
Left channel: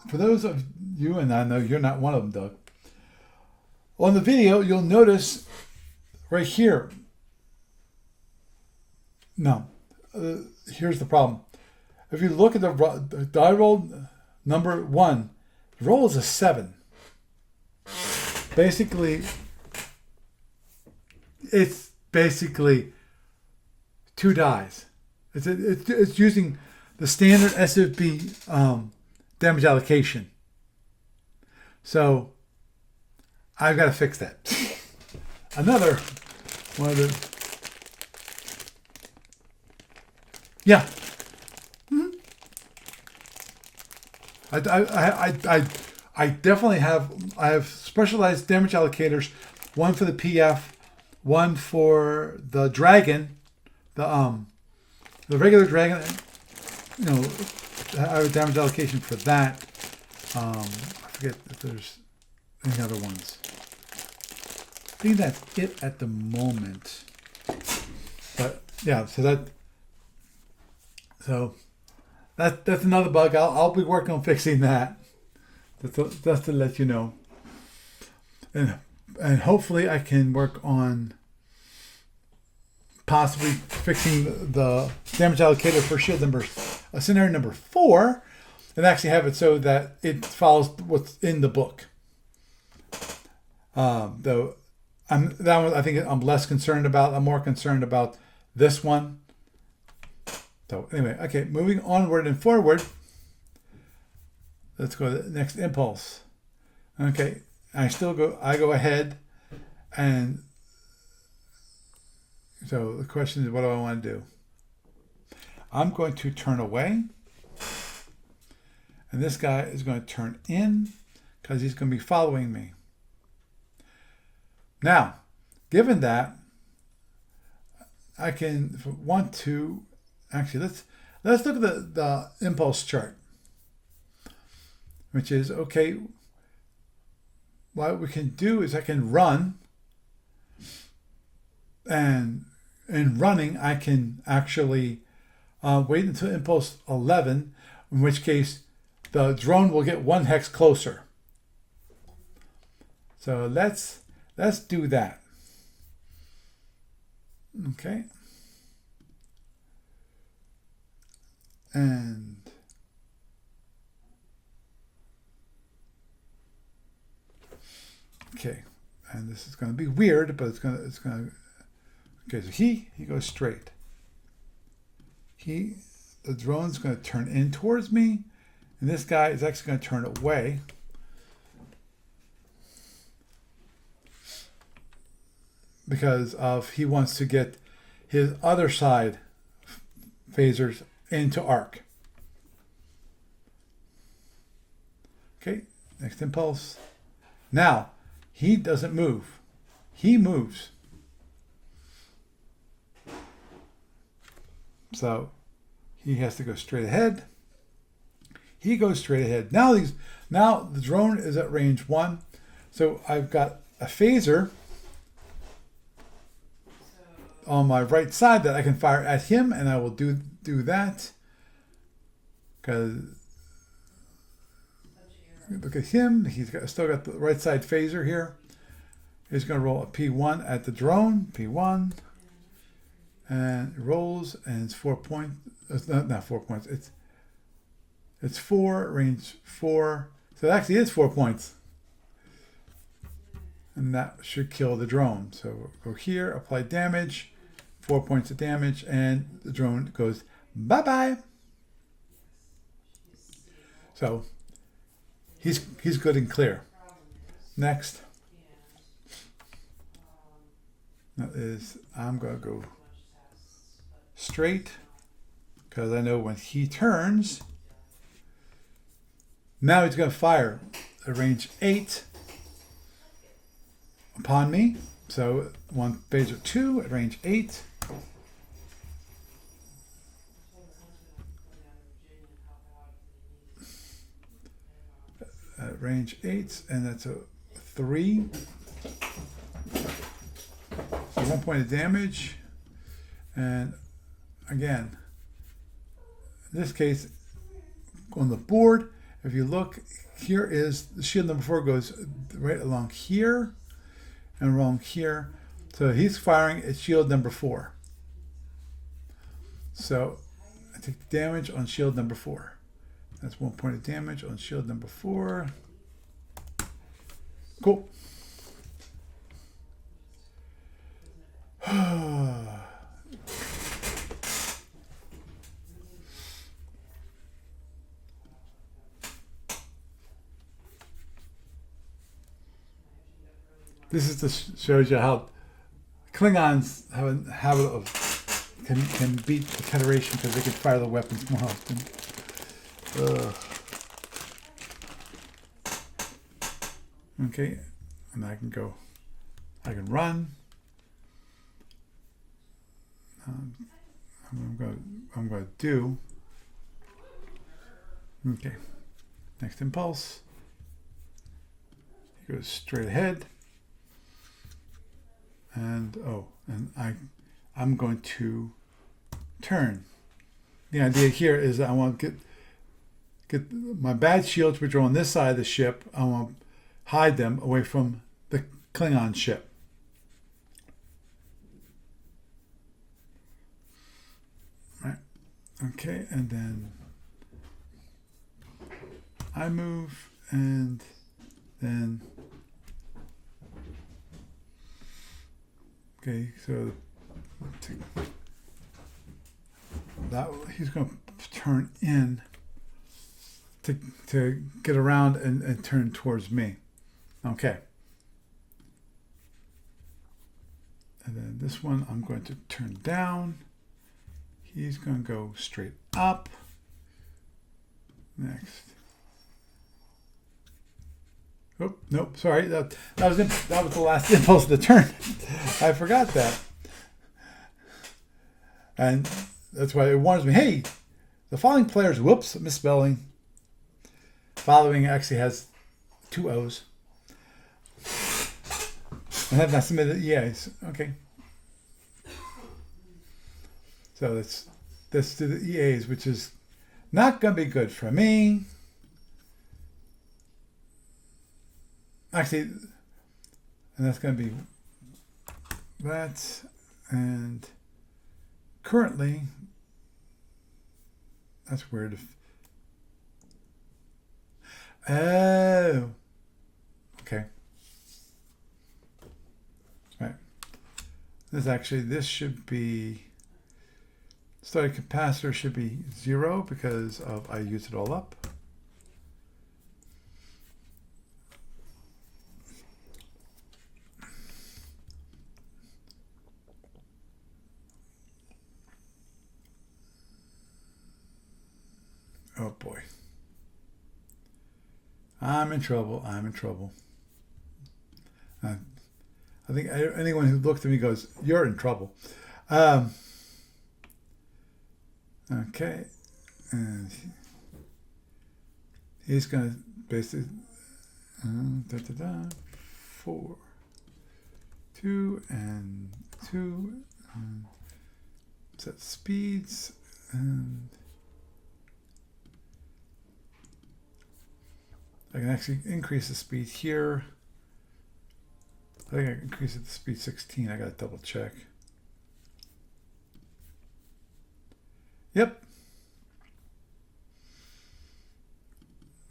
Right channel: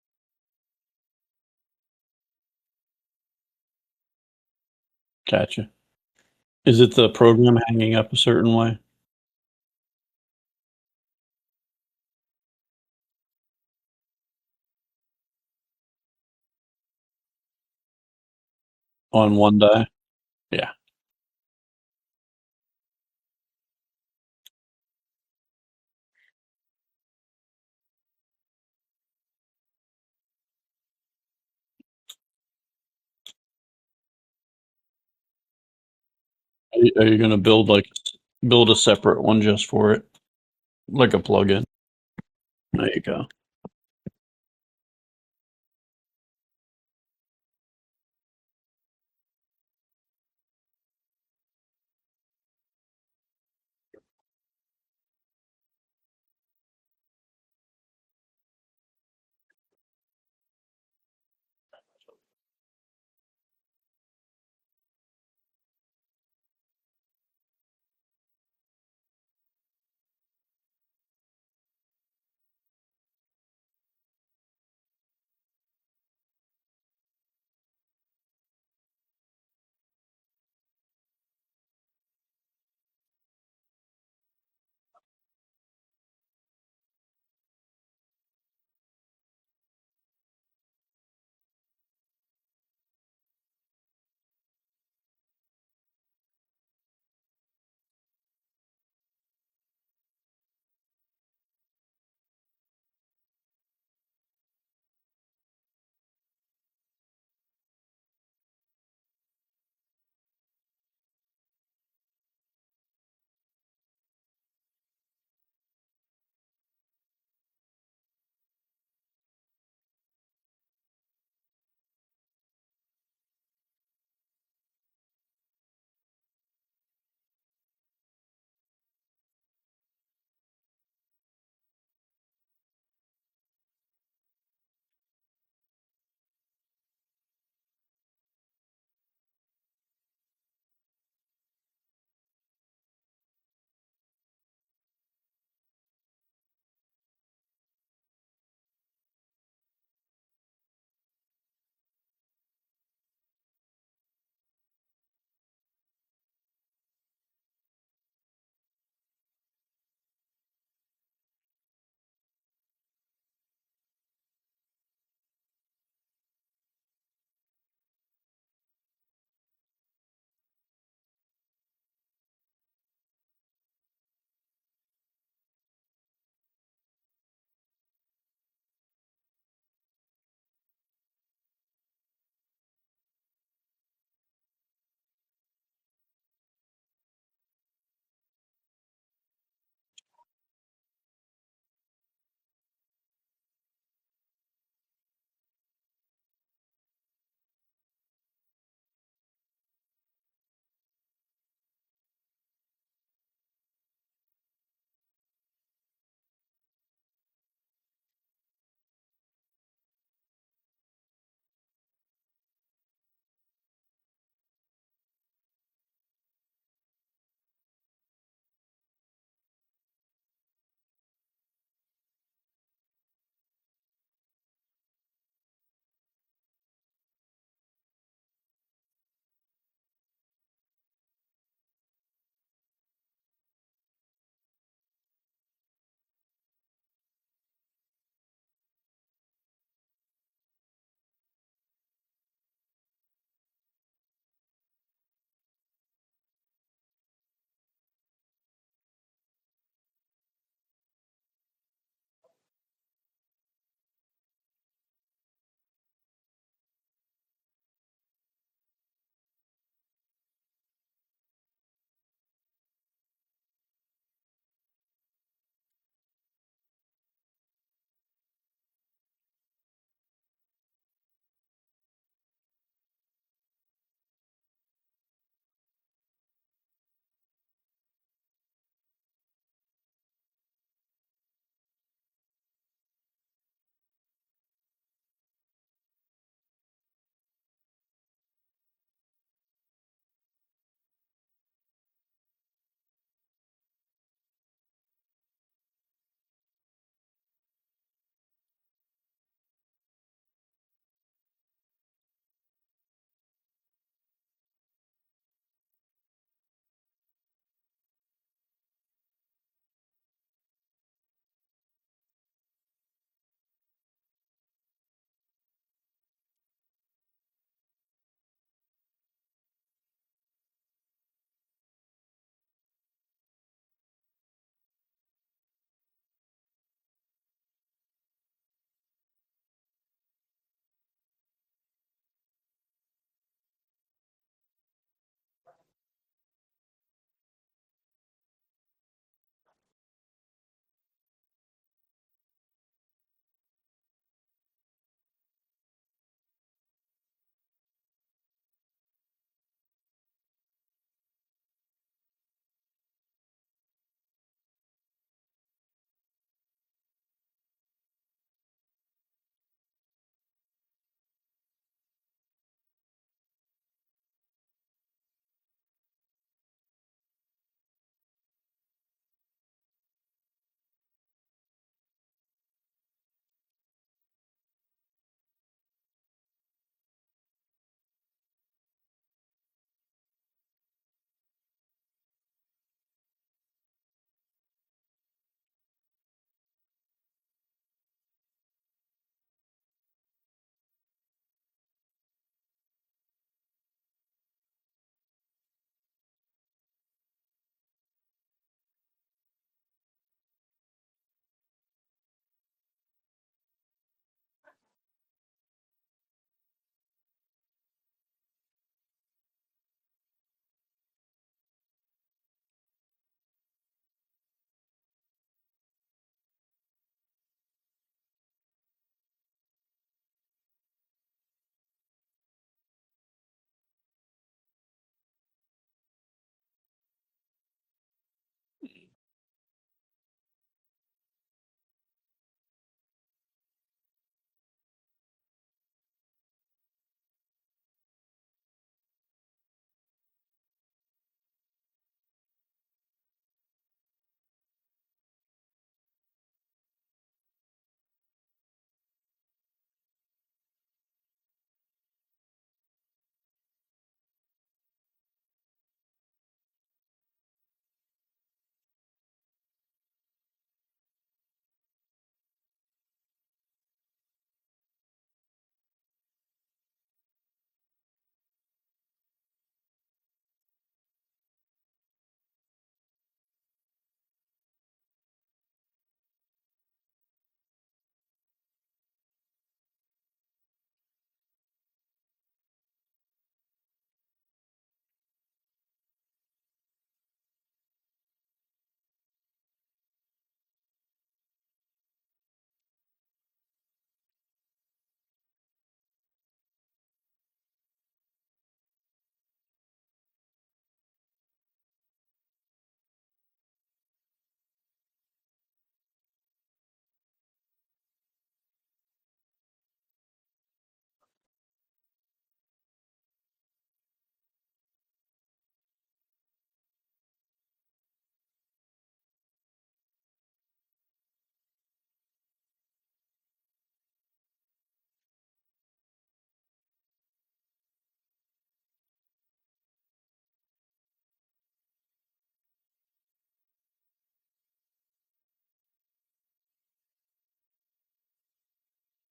For those of you, and I know you're not one of them, Doug. On the video, you'll notice gotcha. right here. Is it the program hanging up a certain way? No. Here's the problem. If you look at the die roll number 1, the roll is a 7. Basically, On one die? Yeah. it's basically 2 dies. It's using the standard SFB damage allocation. So I've got to fix that. Another. Are you going to build a separate one just for it? Yeah. Like a plugin? Mm-hmm. There you go. I definitely have. I have specialized damage allocators. One for the PF, one for the dragon, the regular dragon. You know, I have a damage allocation for that. I forget if there's any other ones. I think that's it at the moment. But yeah, that's another bug. I'll be working on fixing that. Just to let you know. And hopefully I can work on possibly fixing the damage allocator for shield scenario number 4, and actually have it so that it follows what's in the book. Though that one I think I'm less concerned about. I'm more concerned about this one. So anyway, okay, moving onward and forward. Let's go to the next impulse. Okay, I go ahead, and so the question is, what do I want to do? I'm going to turn away, and this guy is going to turn in because he's going to be following me. Now, given that, I can, if I want to, actually, let's look at the impulse chart, which is, okay, what we can do is I can run, and in running, I can actually wait until impulse 11, in which case the drone will get 1 hex closer. So let's do that. Okay. And okay, and this is going to be weird, but it's going to. Okay, so he goes straight. The drone's going to turn in towards me, and this guy is actually going to turn away. Because he wants to get his other side phasers into arc. Okay, next impulse. Now, he doesn't move. He moves. So he has to go straight ahead. He goes straight ahead. Now the drone is at range 1. So I've got a phaser on my right side that I can fire at him, and I will do that. Because look at him. He's still got the right side phaser here. He's going to roll a P1 at the drone. P1. And it rolls, and it's 4 points. It's not 4 points. It's 4, range 4. So it actually is 4 points. And that should kill the drone. So we'll go here, apply damage, 4 points of damage, and the drone goes bye-bye. So he's good and clear. Next. That is, I'm going to go straight, because I know when he turns, now he's going to fire at range 8 upon me. So one phaser 2 at range 8. At range 8, and that's a 3. So 1 point of damage. And again, in this case, on the board, if you look, here is the shield number 4 goes right along here and along here. So he's firing at shield number 4. So I take the damage on shield number 4. That's 1 point of damage on shield number 4. Cool. This is just shows you how Klingons have a habit of can beat the Federation because they can fire the weapons more often. Okay, and I can run. I'm going to do. Okay, next impulse. He goes straight ahead. And I'm going to turn. The idea here is that I want to get my bad shields, which are on this side of the ship. I want to hide them away from the Klingon ship. Right. Okay, and then I move, and then. Okay, so that he's going to turn in to get around and turn towards me. Okay. And then this one I'm going to turn down. He's going to go straight up. Next. Oh, nope, sorry. That was the last impulse of the turn. I forgot that. And that's why it warns me, hey, the following players, whoops, misspelling. Following actually has 2 O's. And have not submitted EAs. Okay. So let's do the EAs, which is not going to be good for me. Actually, and that's going to be that, and currently, that's weird. Oh, okay. Right. This should be, starting capacitor should be 0 because I used it all up. boy. I'm in trouble. I'm in trouble. I think anyone who looks at me goes, "You're in trouble." Okay, and he's gonna basically 4, 2, and 2. Set speeds, and I can actually increase the speed here. I think I can increase it to speed 16. I gotta double check. Yep.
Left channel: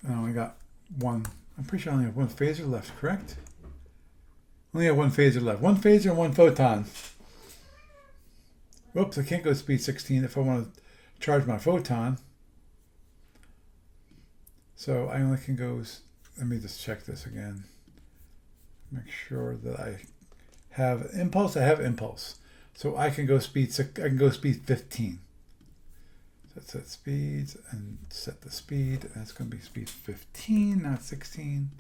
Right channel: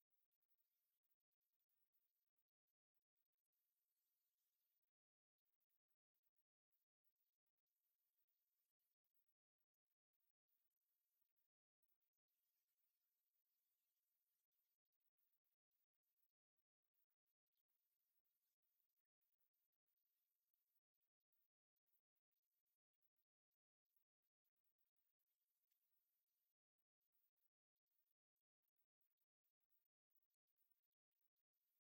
I only got one. I'm pretty sure I only have one phaser left, correct? Only have one phaser left. One phaser and one photon. Whoops, I can't go speed 16 if I want to charge my photon. So I only can go, let me just check this again. Make sure that I have impulse. I have impulse. So I can go speed 6, I can go speed 15. So set speeds and set the speed. And it's going to be speed 15, not 16.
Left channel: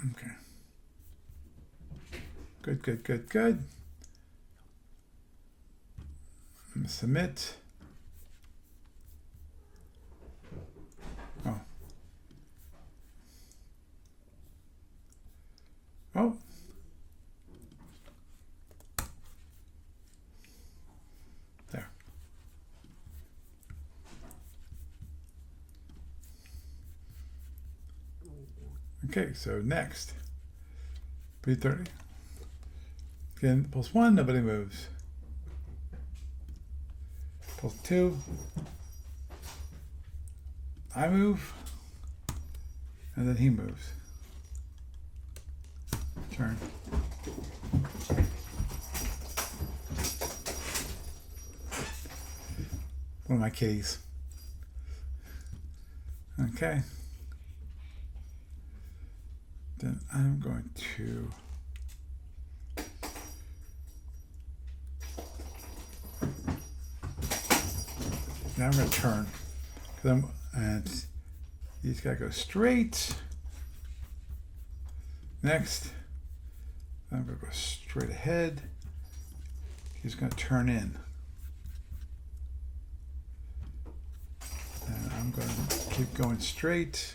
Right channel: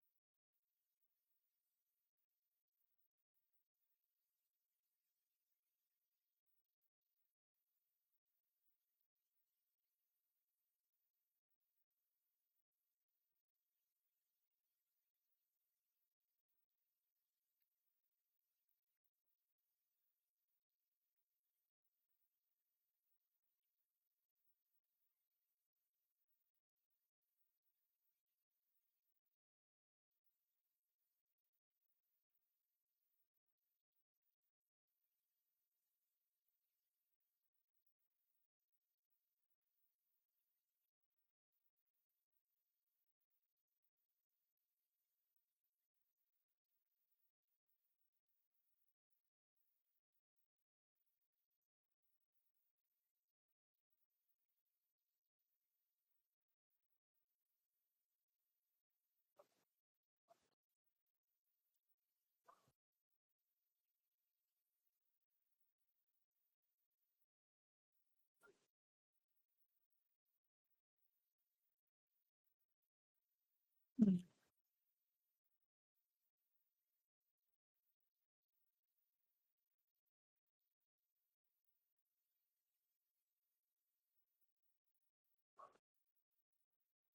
Okay. Good, good, good, good. I'm going to submit. Oh. Oh. There. Okay, so next. P30. Again, pulse 1, nobody moves. Pulse 2. I move. And then he moves. Turn. One of my kitties. Okay. Then I'm going to now I'm going to turn, and he's got to go straight. Next, I'm going to go straight ahead. He's going to turn in, and I'm going to keep going straight.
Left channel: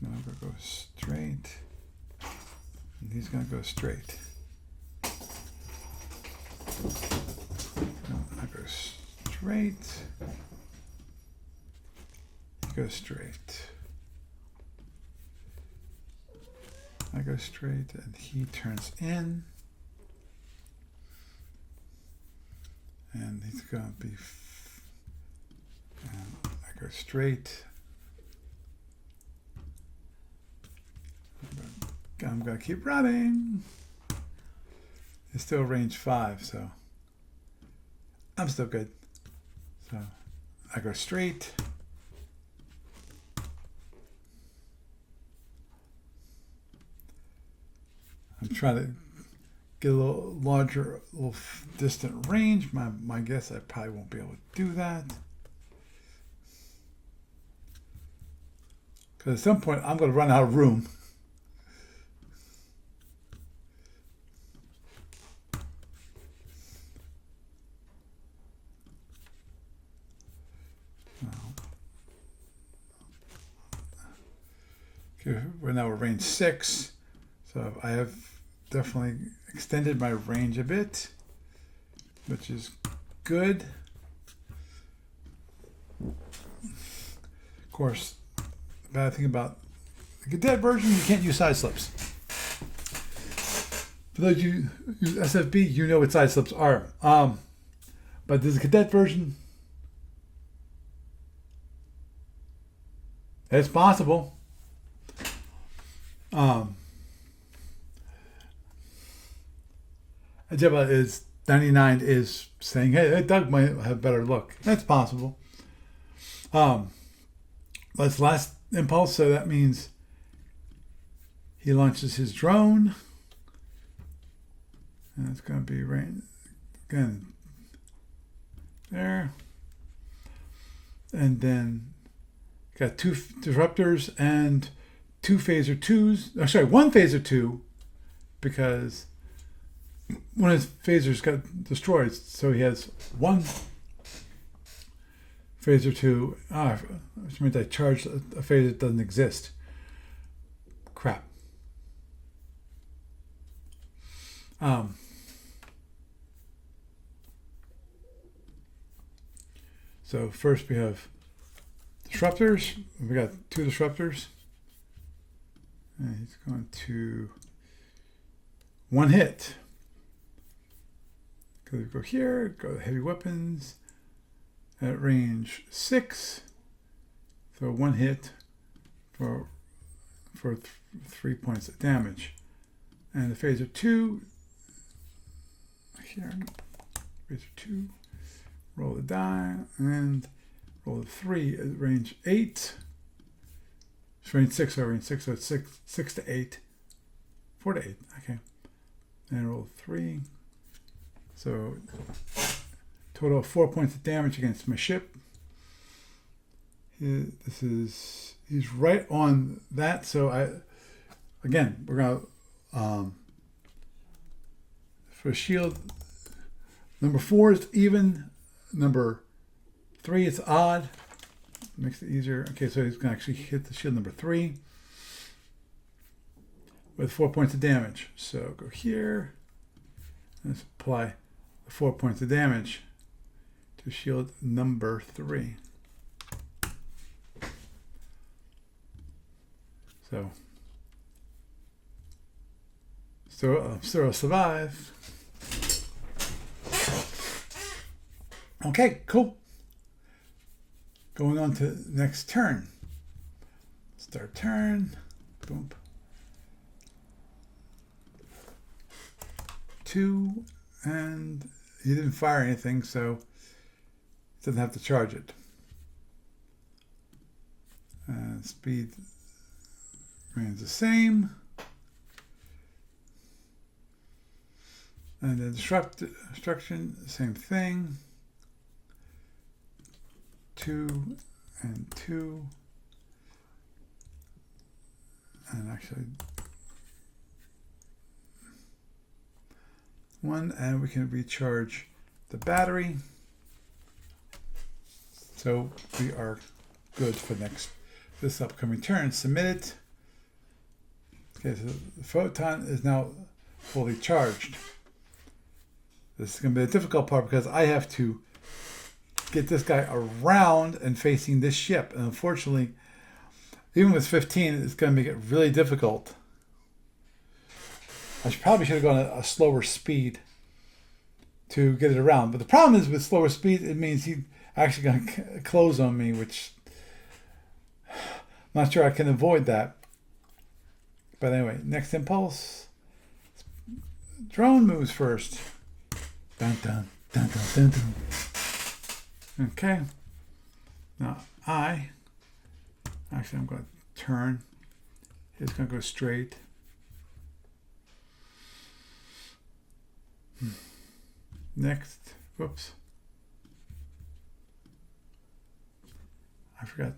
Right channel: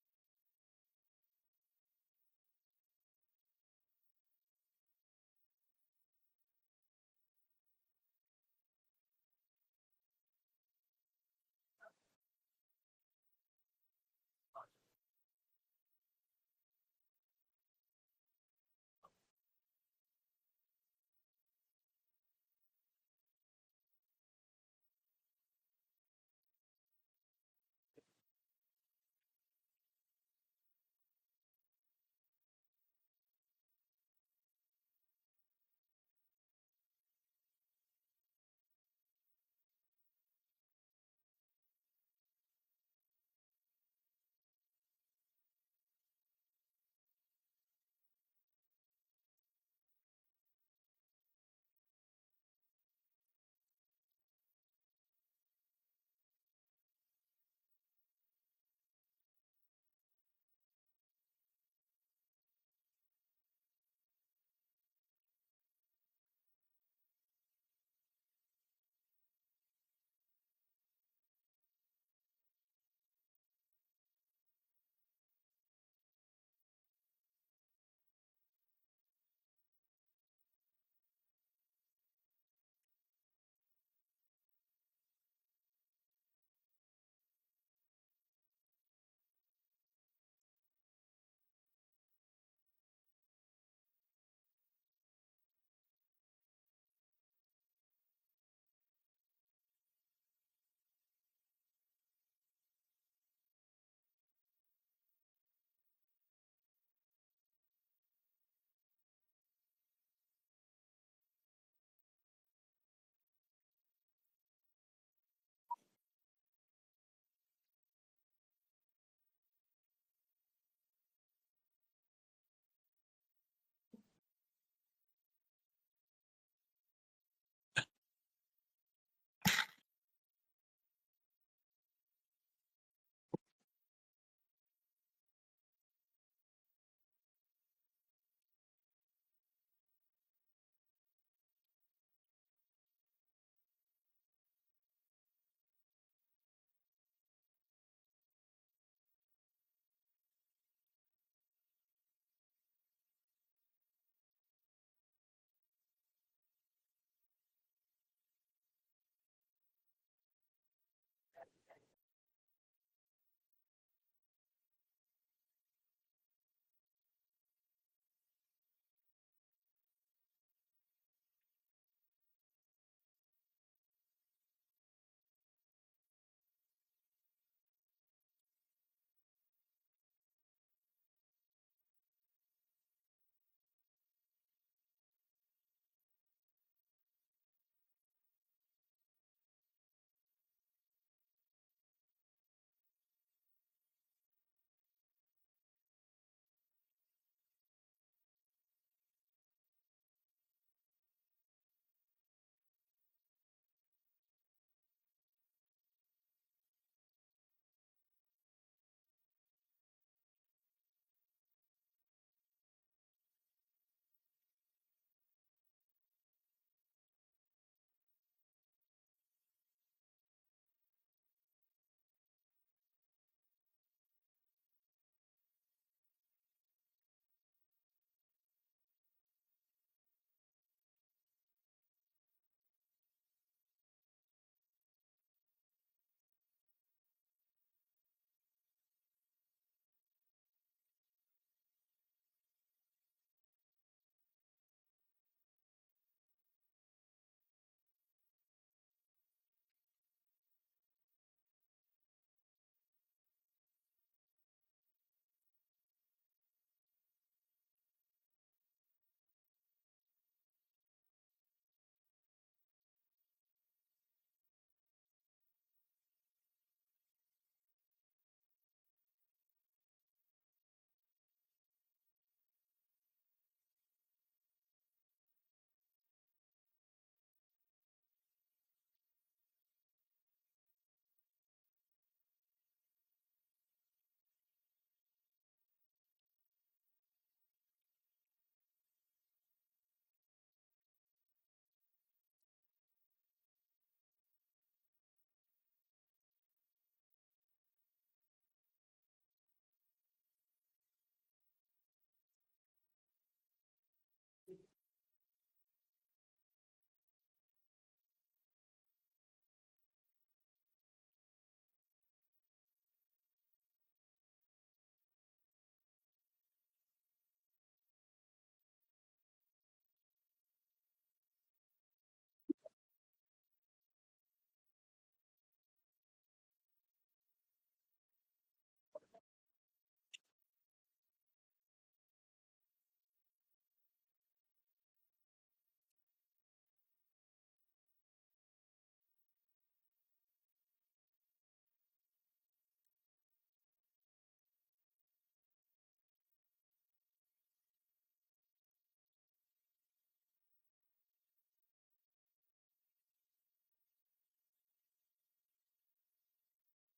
Now I'm going to go straight, and he's going to go straight. I go straight. He goes straight. I go straight, and he turns in. And he's going to be. And I go straight. I'm going to keep running. It's still range 5, so I'm still good. So I go straight. I'm trying to get a little larger, a little distant range. My guess, I probably won't be able to do that. Because at some point, I'm going to run out of room. Okay, now we're range 6. So I have definitely extended my range a bit, which is good. Of course, the bad thing about the Cadet version, you can't use side slips. For those you use SFB, you know what side slips are. But there's a Cadet version. It's possible. Jebba is 99 is saying, hey, Doug might have better look. That's possible. That's last impulse, so that means he launches his drone. And it's going to be rain again. there. And then got 2 disruptors and 2 phaser 2s. Oh, sorry, 1 phaser 2 because one of his phasers got destroyed. So he has 1 phaser 2. Which means I charged a phaser that doesn't exist. Crap. So first we have disruptors. We got 2 disruptors. And he's going to 1 hit. Go here, go to heavy weapons. At range 6. So 1 hit for 3 points of damage. And the phaser 2 here. Phaser 2. Roll the die and roll the 3 at range 8. It's range 6, so range 6, so it's 6 to 8. 4 to 8, okay. And roll 3. So total of 4 points of damage against my ship. He's right on that, so we're gonna for shield, number 4 is even, number 3 is odd. Makes it easier. Okay, so he's gonna actually hit the shield number 3 with 4 points of damage. So go here. Let's apply the 4 points of damage to shield number 3. So still survive. Okay, cool. Going on to the next turn. Start turn. Boom. 2, and he didn't fire anything, so he doesn't have to charge it. Speed remains the same. And the destruction, same thing. 2 and 2. And actually 1, and we can recharge the battery. So we are good for this upcoming turn. Submit it. Okay, so the photon is now fully charged. This is going to be a difficult part because I have to get this guy around and facing this ship. And unfortunately, even with 15, it's going to make it really difficult. Probably should have gone a slower speed to get it around. But the problem is with slower speed, it means he's actually going to close on me, which I'm not sure I can avoid that. But anyway, next impulse. Drone moves first. Dun, dun, dun, dun, dun, dun. Okay. Now I'm going to turn. He's going to go straight. Next. Whoops. I forgot.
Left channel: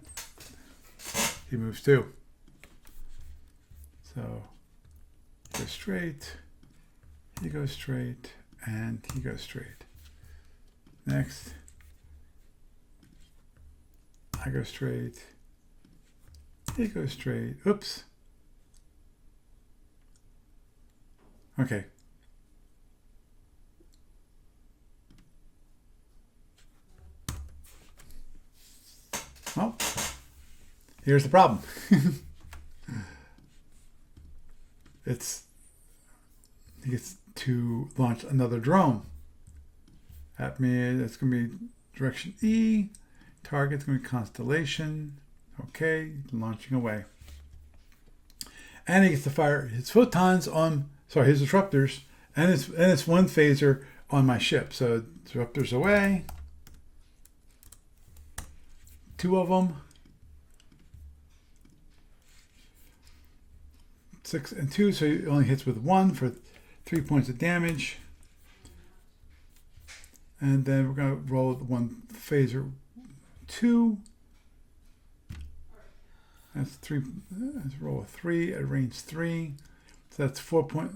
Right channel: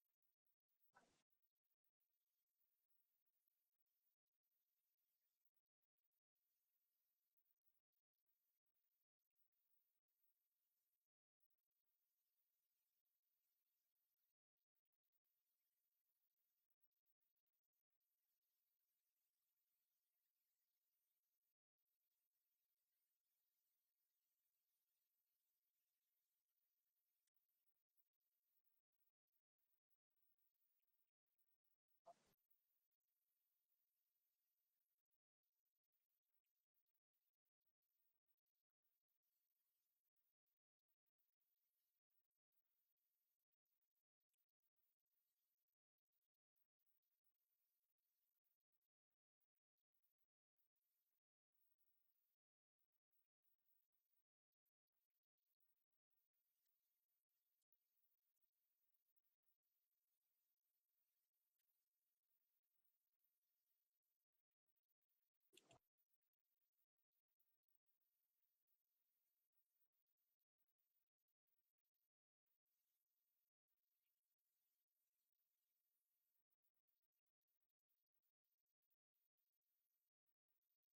He moves too. So go straight. He goes straight. And he goes straight. Next. I go straight. He goes straight. Oops. Okay. Well, here's the problem. He gets to launch another drone at me. It's going to be direction E. Target's going to be Constellation. Okay, launching away. And he gets to fire his photons on, his disruptors, and it's 1 phaser on my ship. So disruptors away. 2 of them. 6 and 2, so he only hits with 1 for 3 points of damage. And then we're going to roll one phaser 2. That's 3. Let's roll a 3 at range 3. So that's 4 point.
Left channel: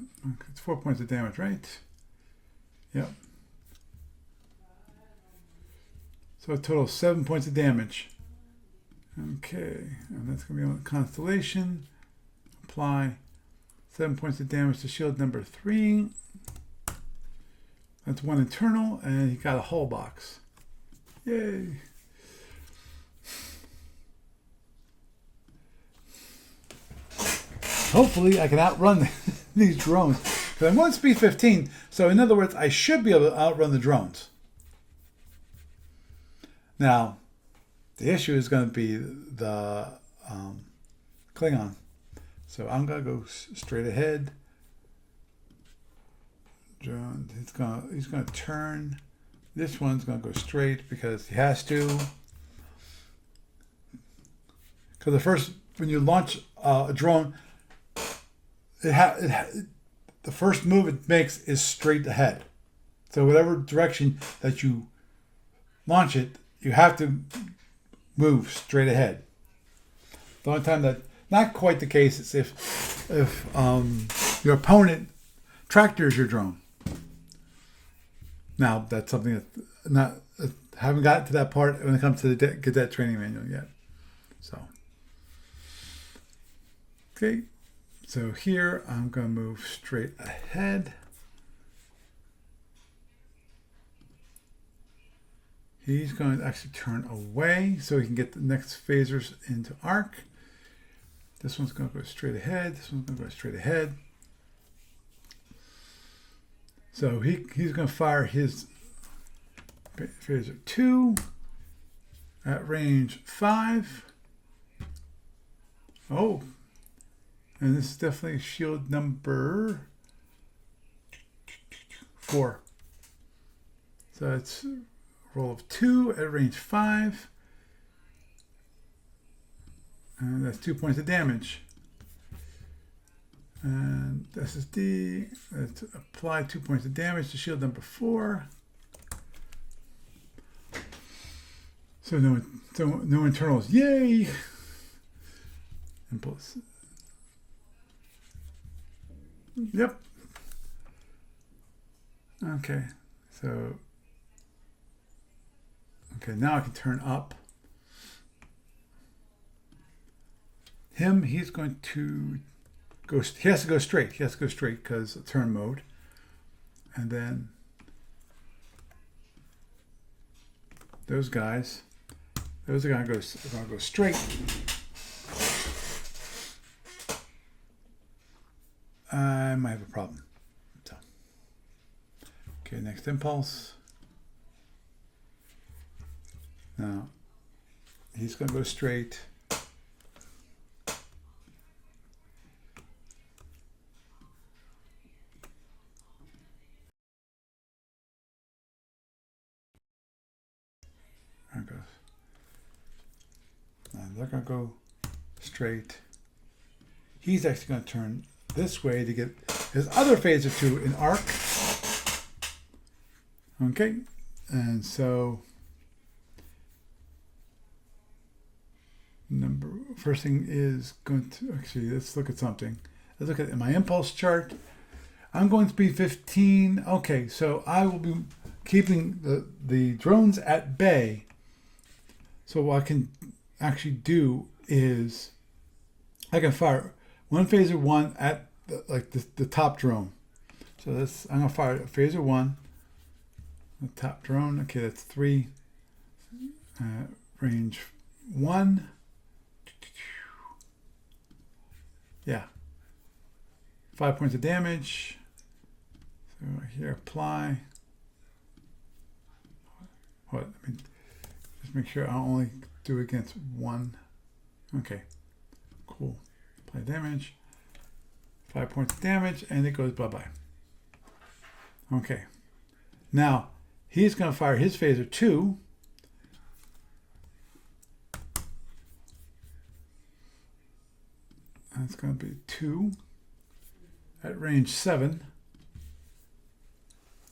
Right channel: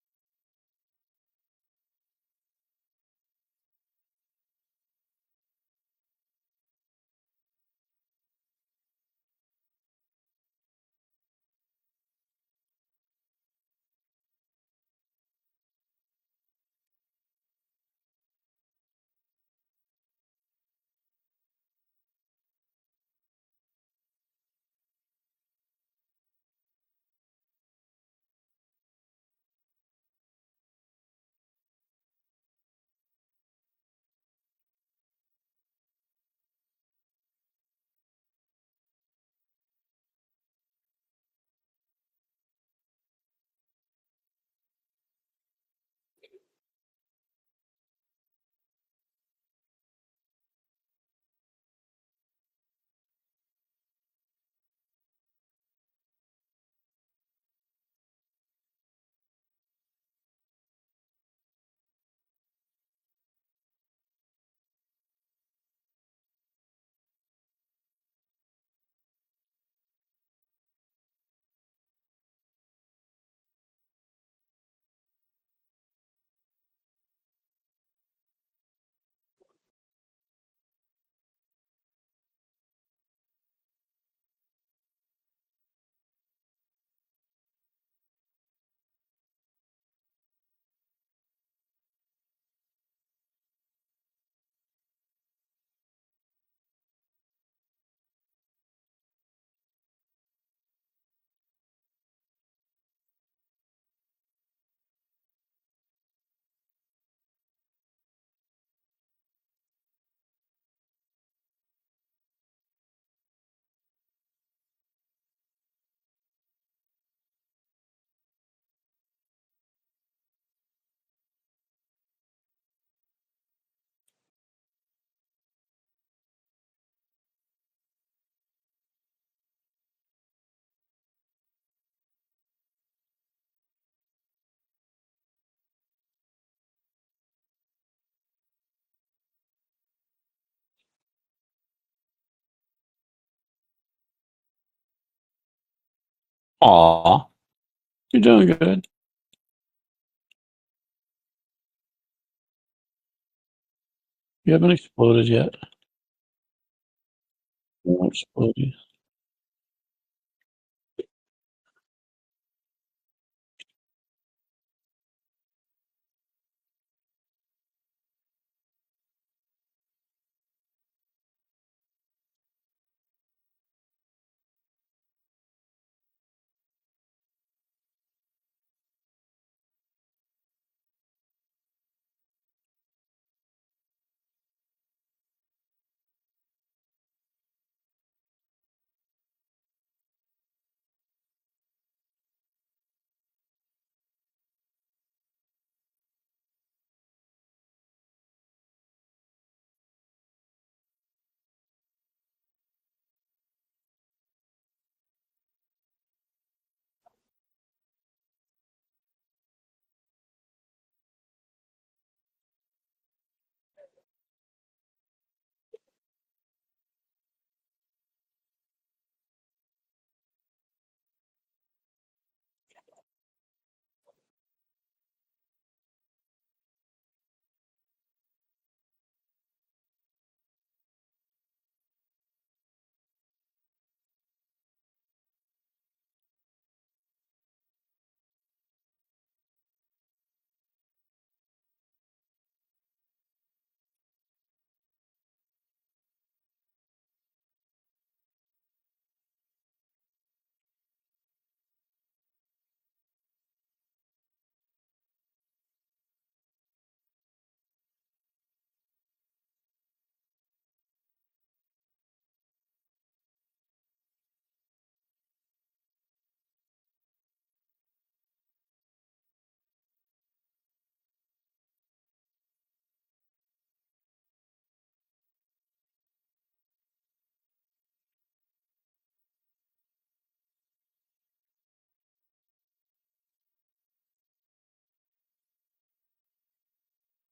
It's 4 points of damage, right? Yep. So a total of 7 points of damage. Okay, and that's going to be on Constellation. Apply 7 points of damage to shield number 3. That's 1 internal, and he got a hull box. Yay! Hopefully, I can outrun these drones. Because I'm going speed 15, so in other words, I should be able to outrun the drones. Now, the issue is going to be the Klingon. So I'm going to go straight ahead. Drone, he's going to turn. This one's going to go straight because he has to. Because when you launch a drone, the first move it makes is straight ahead. So whatever direction that you launch it, you have to move straight ahead. The only time that not quite the case is if your opponent tractors your drone. Now that's something that haven't gotten to that part when it comes to the cadet training manual yet. So okay, so here I'm going to move straight ahead. He's going to actually turn away so he can get the next phasers into arc. This one's going to go straight ahead. This one's going to go straight ahead. So he's going to fire his phaser 2 at range 5. Oh, and this is definitely shield number 4. So it's roll of 2 at range 5. And that's 2 points of damage. And SSD, let's apply 2 points of damage to shield number 4. So no internals. Yay! Impulse. Aw, you're doing good. Yep. Okay. So. You haven't exploded yet. Okay, now I can turn up. You won't explode. He's going to go. He has to go straight. He has to go straight because turn mode. And then those guys are going to go straight. I might have a problem. So, okay, next impulse. Now, he's going to go straight. There it goes. Now they're going to go straight. He's actually going to turn this way to get his other phaser 2 in arc. Okay, and so first thing is going to actually let's look at something. Let's look at my impulse chart. I'm going to be 15. Okay, so I will be keeping the drones at bay. So what I can actually do is I can fire one phaser 1 at the top drone. So I'm gonna fire phaser 1, the top drone. Okay, that's 3. Range 1. Yeah. 5 points of damage. So here, apply. What? I mean, just make sure I only do against 1. Okay. Cool. Apply damage. 5 points of damage, and it goes bye-bye. Okay. Now, he's going to fire his phaser 2. That's going to be 2 at range 7.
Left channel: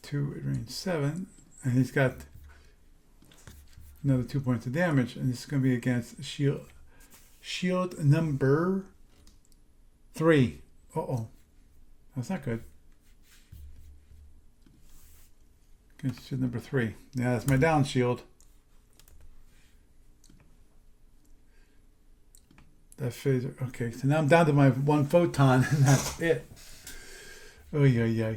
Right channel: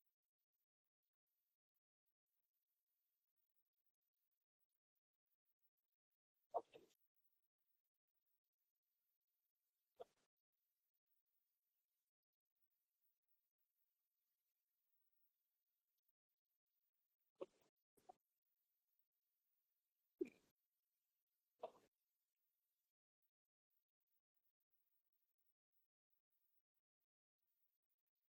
2 at range 7. and he's got another 2 points of damage, and this is going to be against shield number 3. Uh-oh. That's not good. Against shield number 3. Yeah, that's my down shield. That phaser. Okay, so now I'm down to my 1 photon, and that's it. Oh, yeah.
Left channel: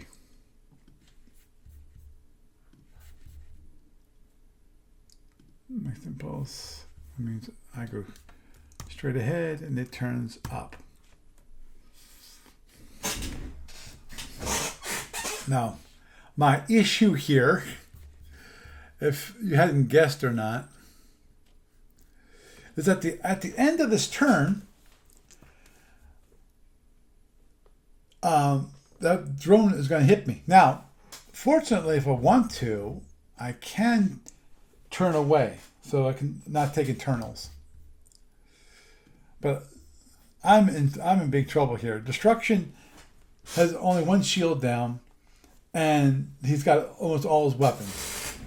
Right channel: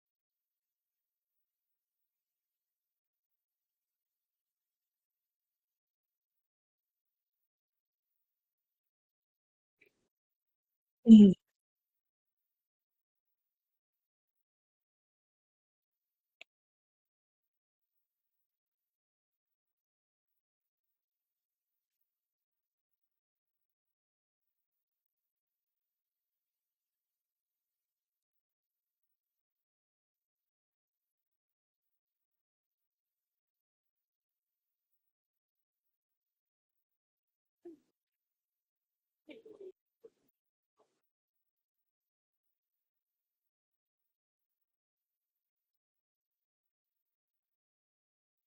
Next impulse. That means I go straight ahead, and it turns up. Mhm. Now, my issue here, if you hadn't guessed or not, is that at the end of this turn, that drone is going to hit me. Now, fortunately, if I want to, I can turn away, so I can not take internals. But I'm in big trouble here. Destruction has only 1 shield down, and he's got almost all his weapons.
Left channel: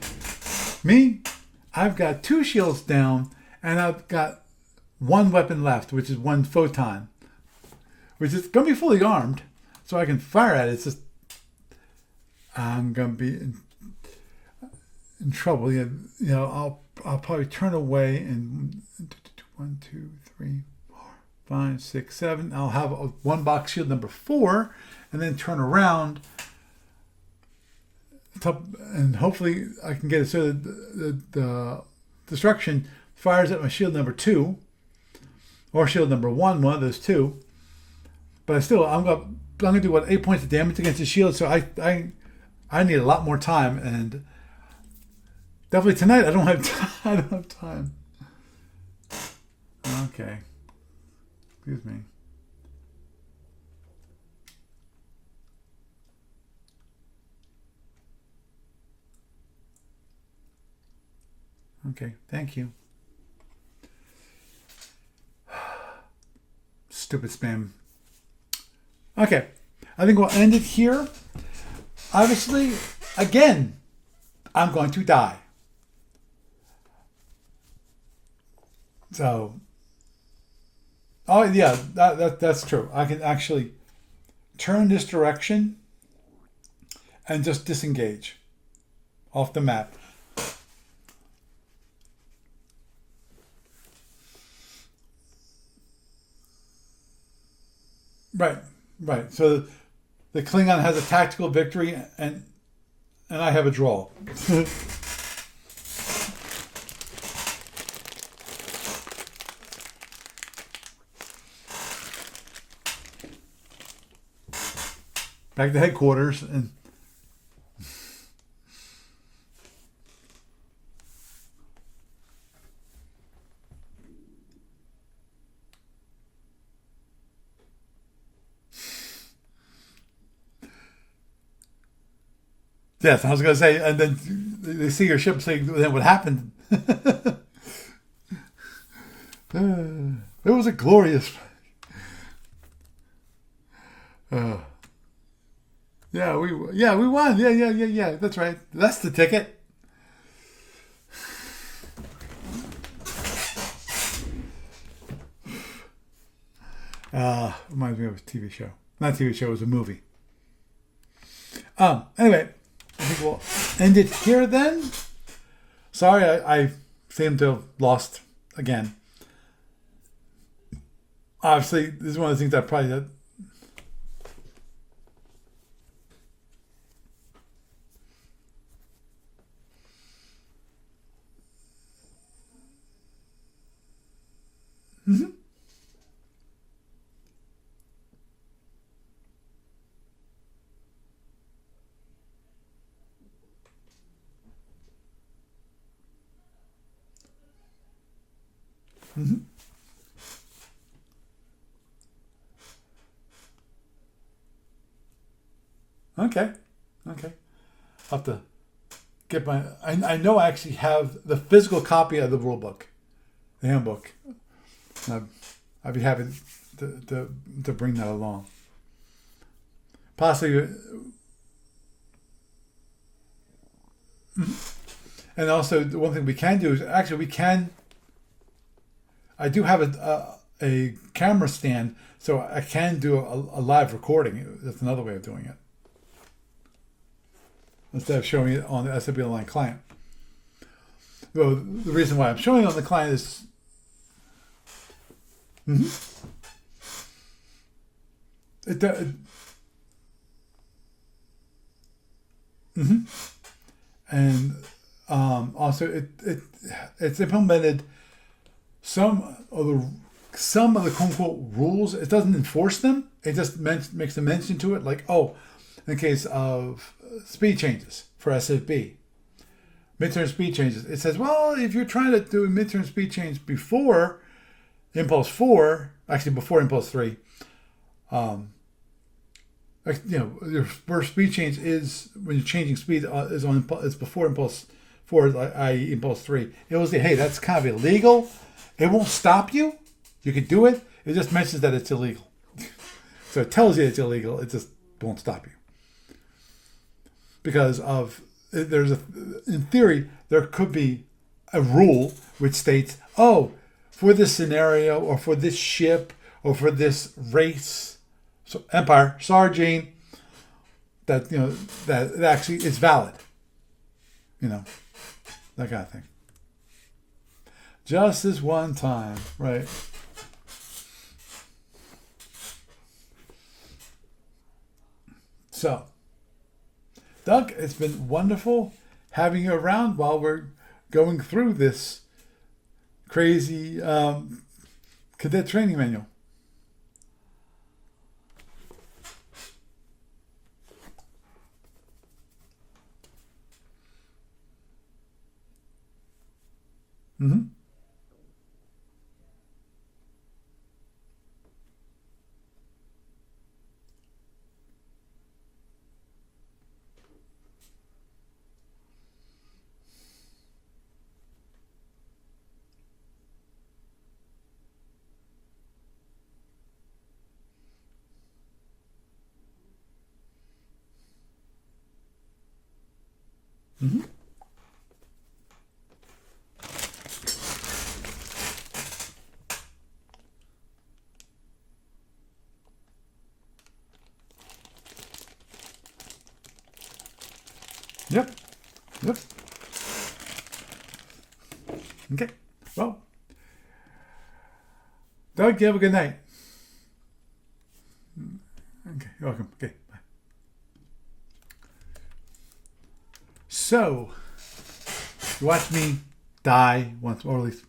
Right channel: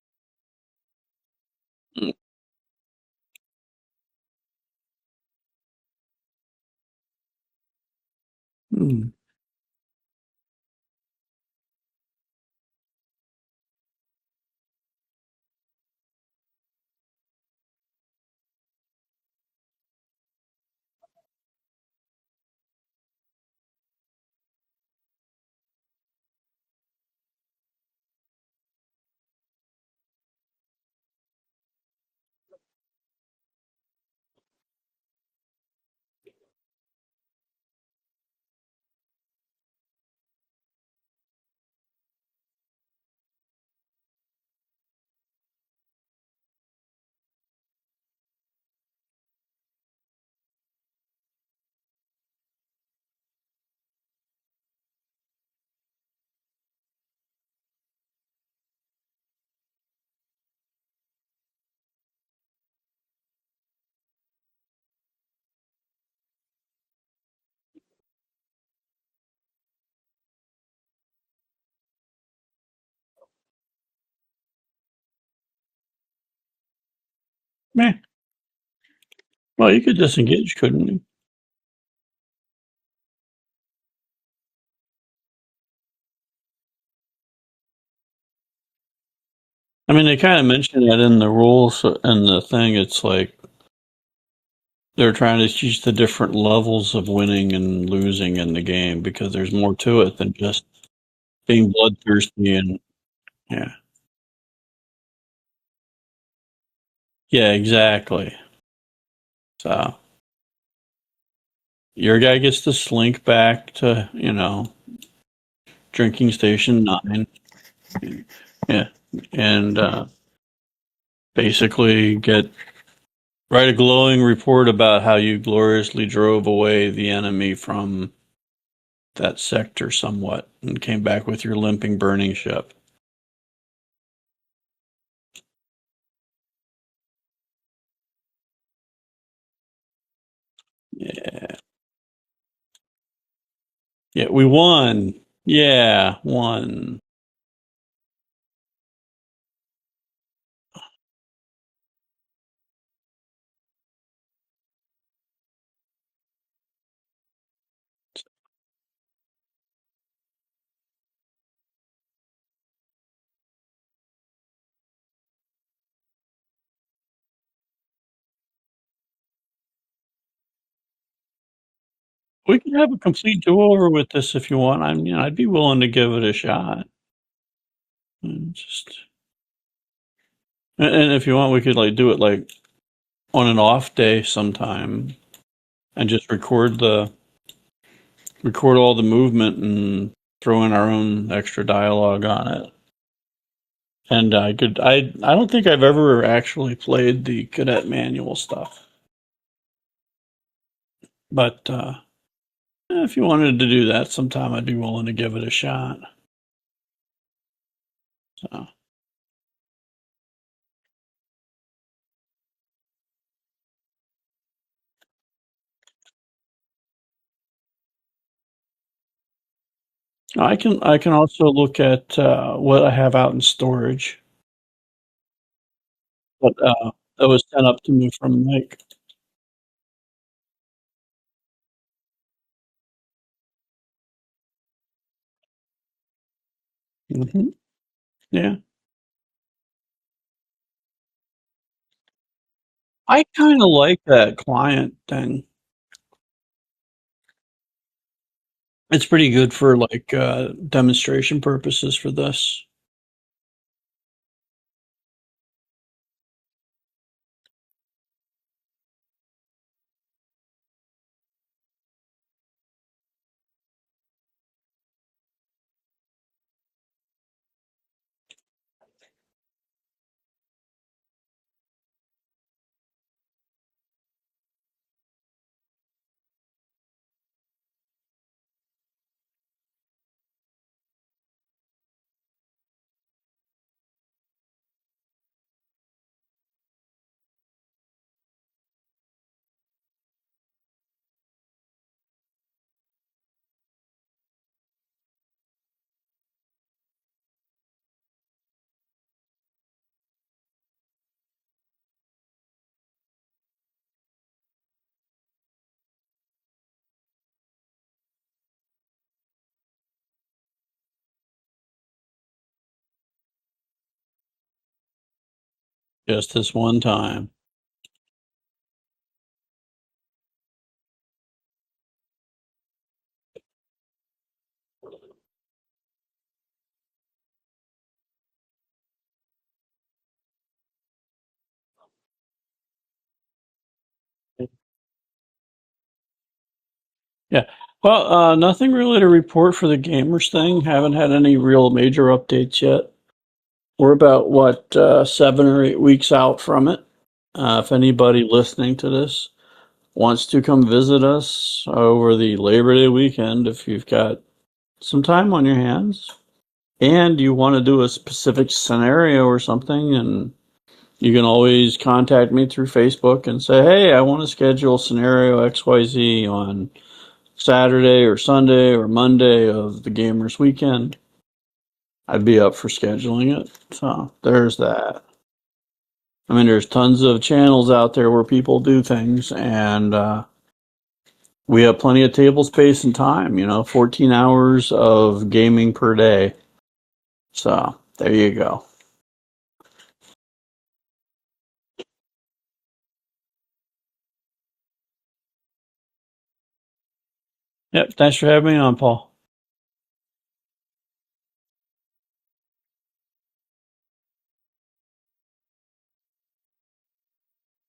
Me, I've got 2 shields down, and I've got 1 weapon left, which is 1 photon, which is going to be fully armed, so I can fire at it. It's just I'm going to be in trouble. I'll probably turn away and 1, 2, 3, 4, 5, 6, 7. I'll have a 1 box shield number 4, and then turn around. And hopefully I can get it so that the destruction fires at my shield number 2 or shield number 1, one of those 2. But I'm gonna do 8 points of damage against the shield. So I need a lot more time, and definitely tonight I don't have time. Okay, excuse me. Okay, thank you. Stupid spam. Okay, I think we'll end it here. Obviously, again, I'm going to die. Man. So. Well, you could disengage, couldn't you? Oh yeah, that's true. I can actually turn this direction and just disengage off the map. I mean, they kind of mentioned that in the rules and the thing. It's like they're trying to teach the different levels of winning and losing in the game, because there's more to it than the just Klingon has a tactical being victory, bloodthirsty and I have a draw. yeah, exactly. So your guy gets to slink back to Back to headquarters. drinking station 9. Yeah, and basically write a glowing report about how you gloriously drove away the enemy from that sector somewhat and came back with your limping, burning ship. Yes, I was going to say, and then they see your ship, say, then what happened? It was a glorious. Yeah, we won. Yeah, won. We won. Yeah. That's right. That's the ticket. Reminds me of a TV show. Not a TV show, it was a movie. Anyway, I think we'll end it here then. Sorry, I seem to have lost again. Obviously, this is one of the things We that can probably have a complete do-over with this if you want. I'd be willing to give it a shot. And if you want, we could do it on an off day sometime, and just record all the movement and throw in our own extra dialogue on it. And I don't think I've ever actually played the Cadet manual stuff. But if you wanted to do that sometime, I'd be willing to give it a shot. Okay. I'll have to get my... I know I actually have the physical copy of the rule book, the handbook. I'd be happy to bring that along. Possibly. I can also look at what I have out in storage And also, the one thing we can do is actually That we was sent can. up to me from Mike. I do have a camera stand, so I can do a live recording. That's another way of doing it Hmm. instead of showing Yeah. it on the SAP Online client. Well, the reason why I'm showing it on the client I is kind of like that client thing. it, It's pretty good for like demonstration purposes for this. and also it's implemented some of the some of the quote unquote rules. It doesn't enforce them. It just makes a mention to it, like, oh, in the case of speed changes for SFB, midterm speed changes. It says, well, if you're trying to do a midterm speed change before Impulse 4, actually before Impulse 3, like, your first speed change is when you're changing speed is before Impulse 4, i.e. Impulse 3. It will say, hey, that's kind of illegal. It won't stop you. You can do it. It just mentions that it's illegal. So it tells you it's illegal. It just won't stop you. Because in theory, there could be a rule which states, oh, for this scenario or for this ship or for this race, so Empire, sorry, Gene, that, that it actually is valid. That kind of thing. Just this one time. Just this one time, right? So, Doug, it's been wonderful having you around while we're going through this crazy cadet training manual. Yeah. Well, nothing really to report for the gamers thing. Haven't had any real major updates yet. We're about, what, 7 or 8 weeks out from it. If anybody listening to this wants to come visit us over the Labor Day weekend, if you've got some time on your hands and you want to do a specific scenario or something, and you can always contact me through Facebook and say, hey, I want to schedule scenario XYZ on Saturday or Sunday or Monday of the Gamers Weekend. I'd be up for scheduling it. So there's that. I mean, there's tons of channels out there where people do things, and we have plenty of table space and time, 14 hours of gaming per day. So there Yep. you go. Yep. Okay. Well, Doug, you have a good night. Yep. Thanks for having me on, Paul. You're welcome. Okay. Bye. So, you watch me die once, or at least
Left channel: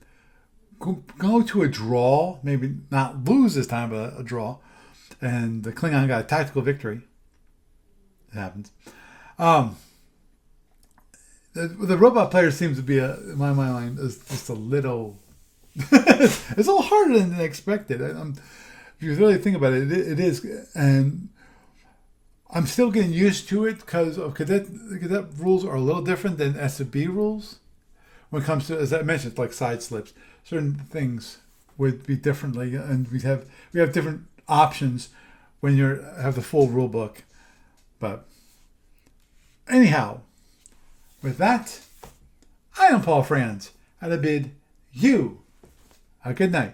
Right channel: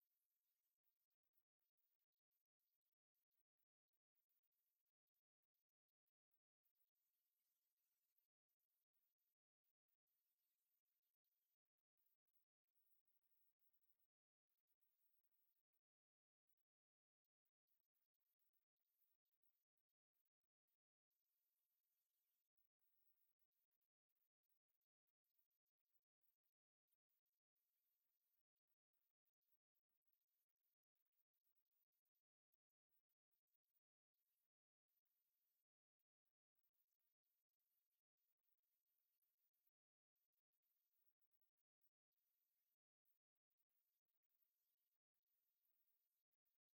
go to a draw, maybe not lose this time, but a draw. And the Klingon got a tactical victory. It happens. The robot player seems to be, in my mind, is just a little. It's a little harder than expected. If you really think about it, it is, and I'm still getting used to it because of cadet rules are a little different than SB rules. When it comes to, as I mentioned, like side slips, certain things would be differently, and we have different options when you have the full rule book. But anyhow, with that, I am Paul Franz, and I bid you a good night.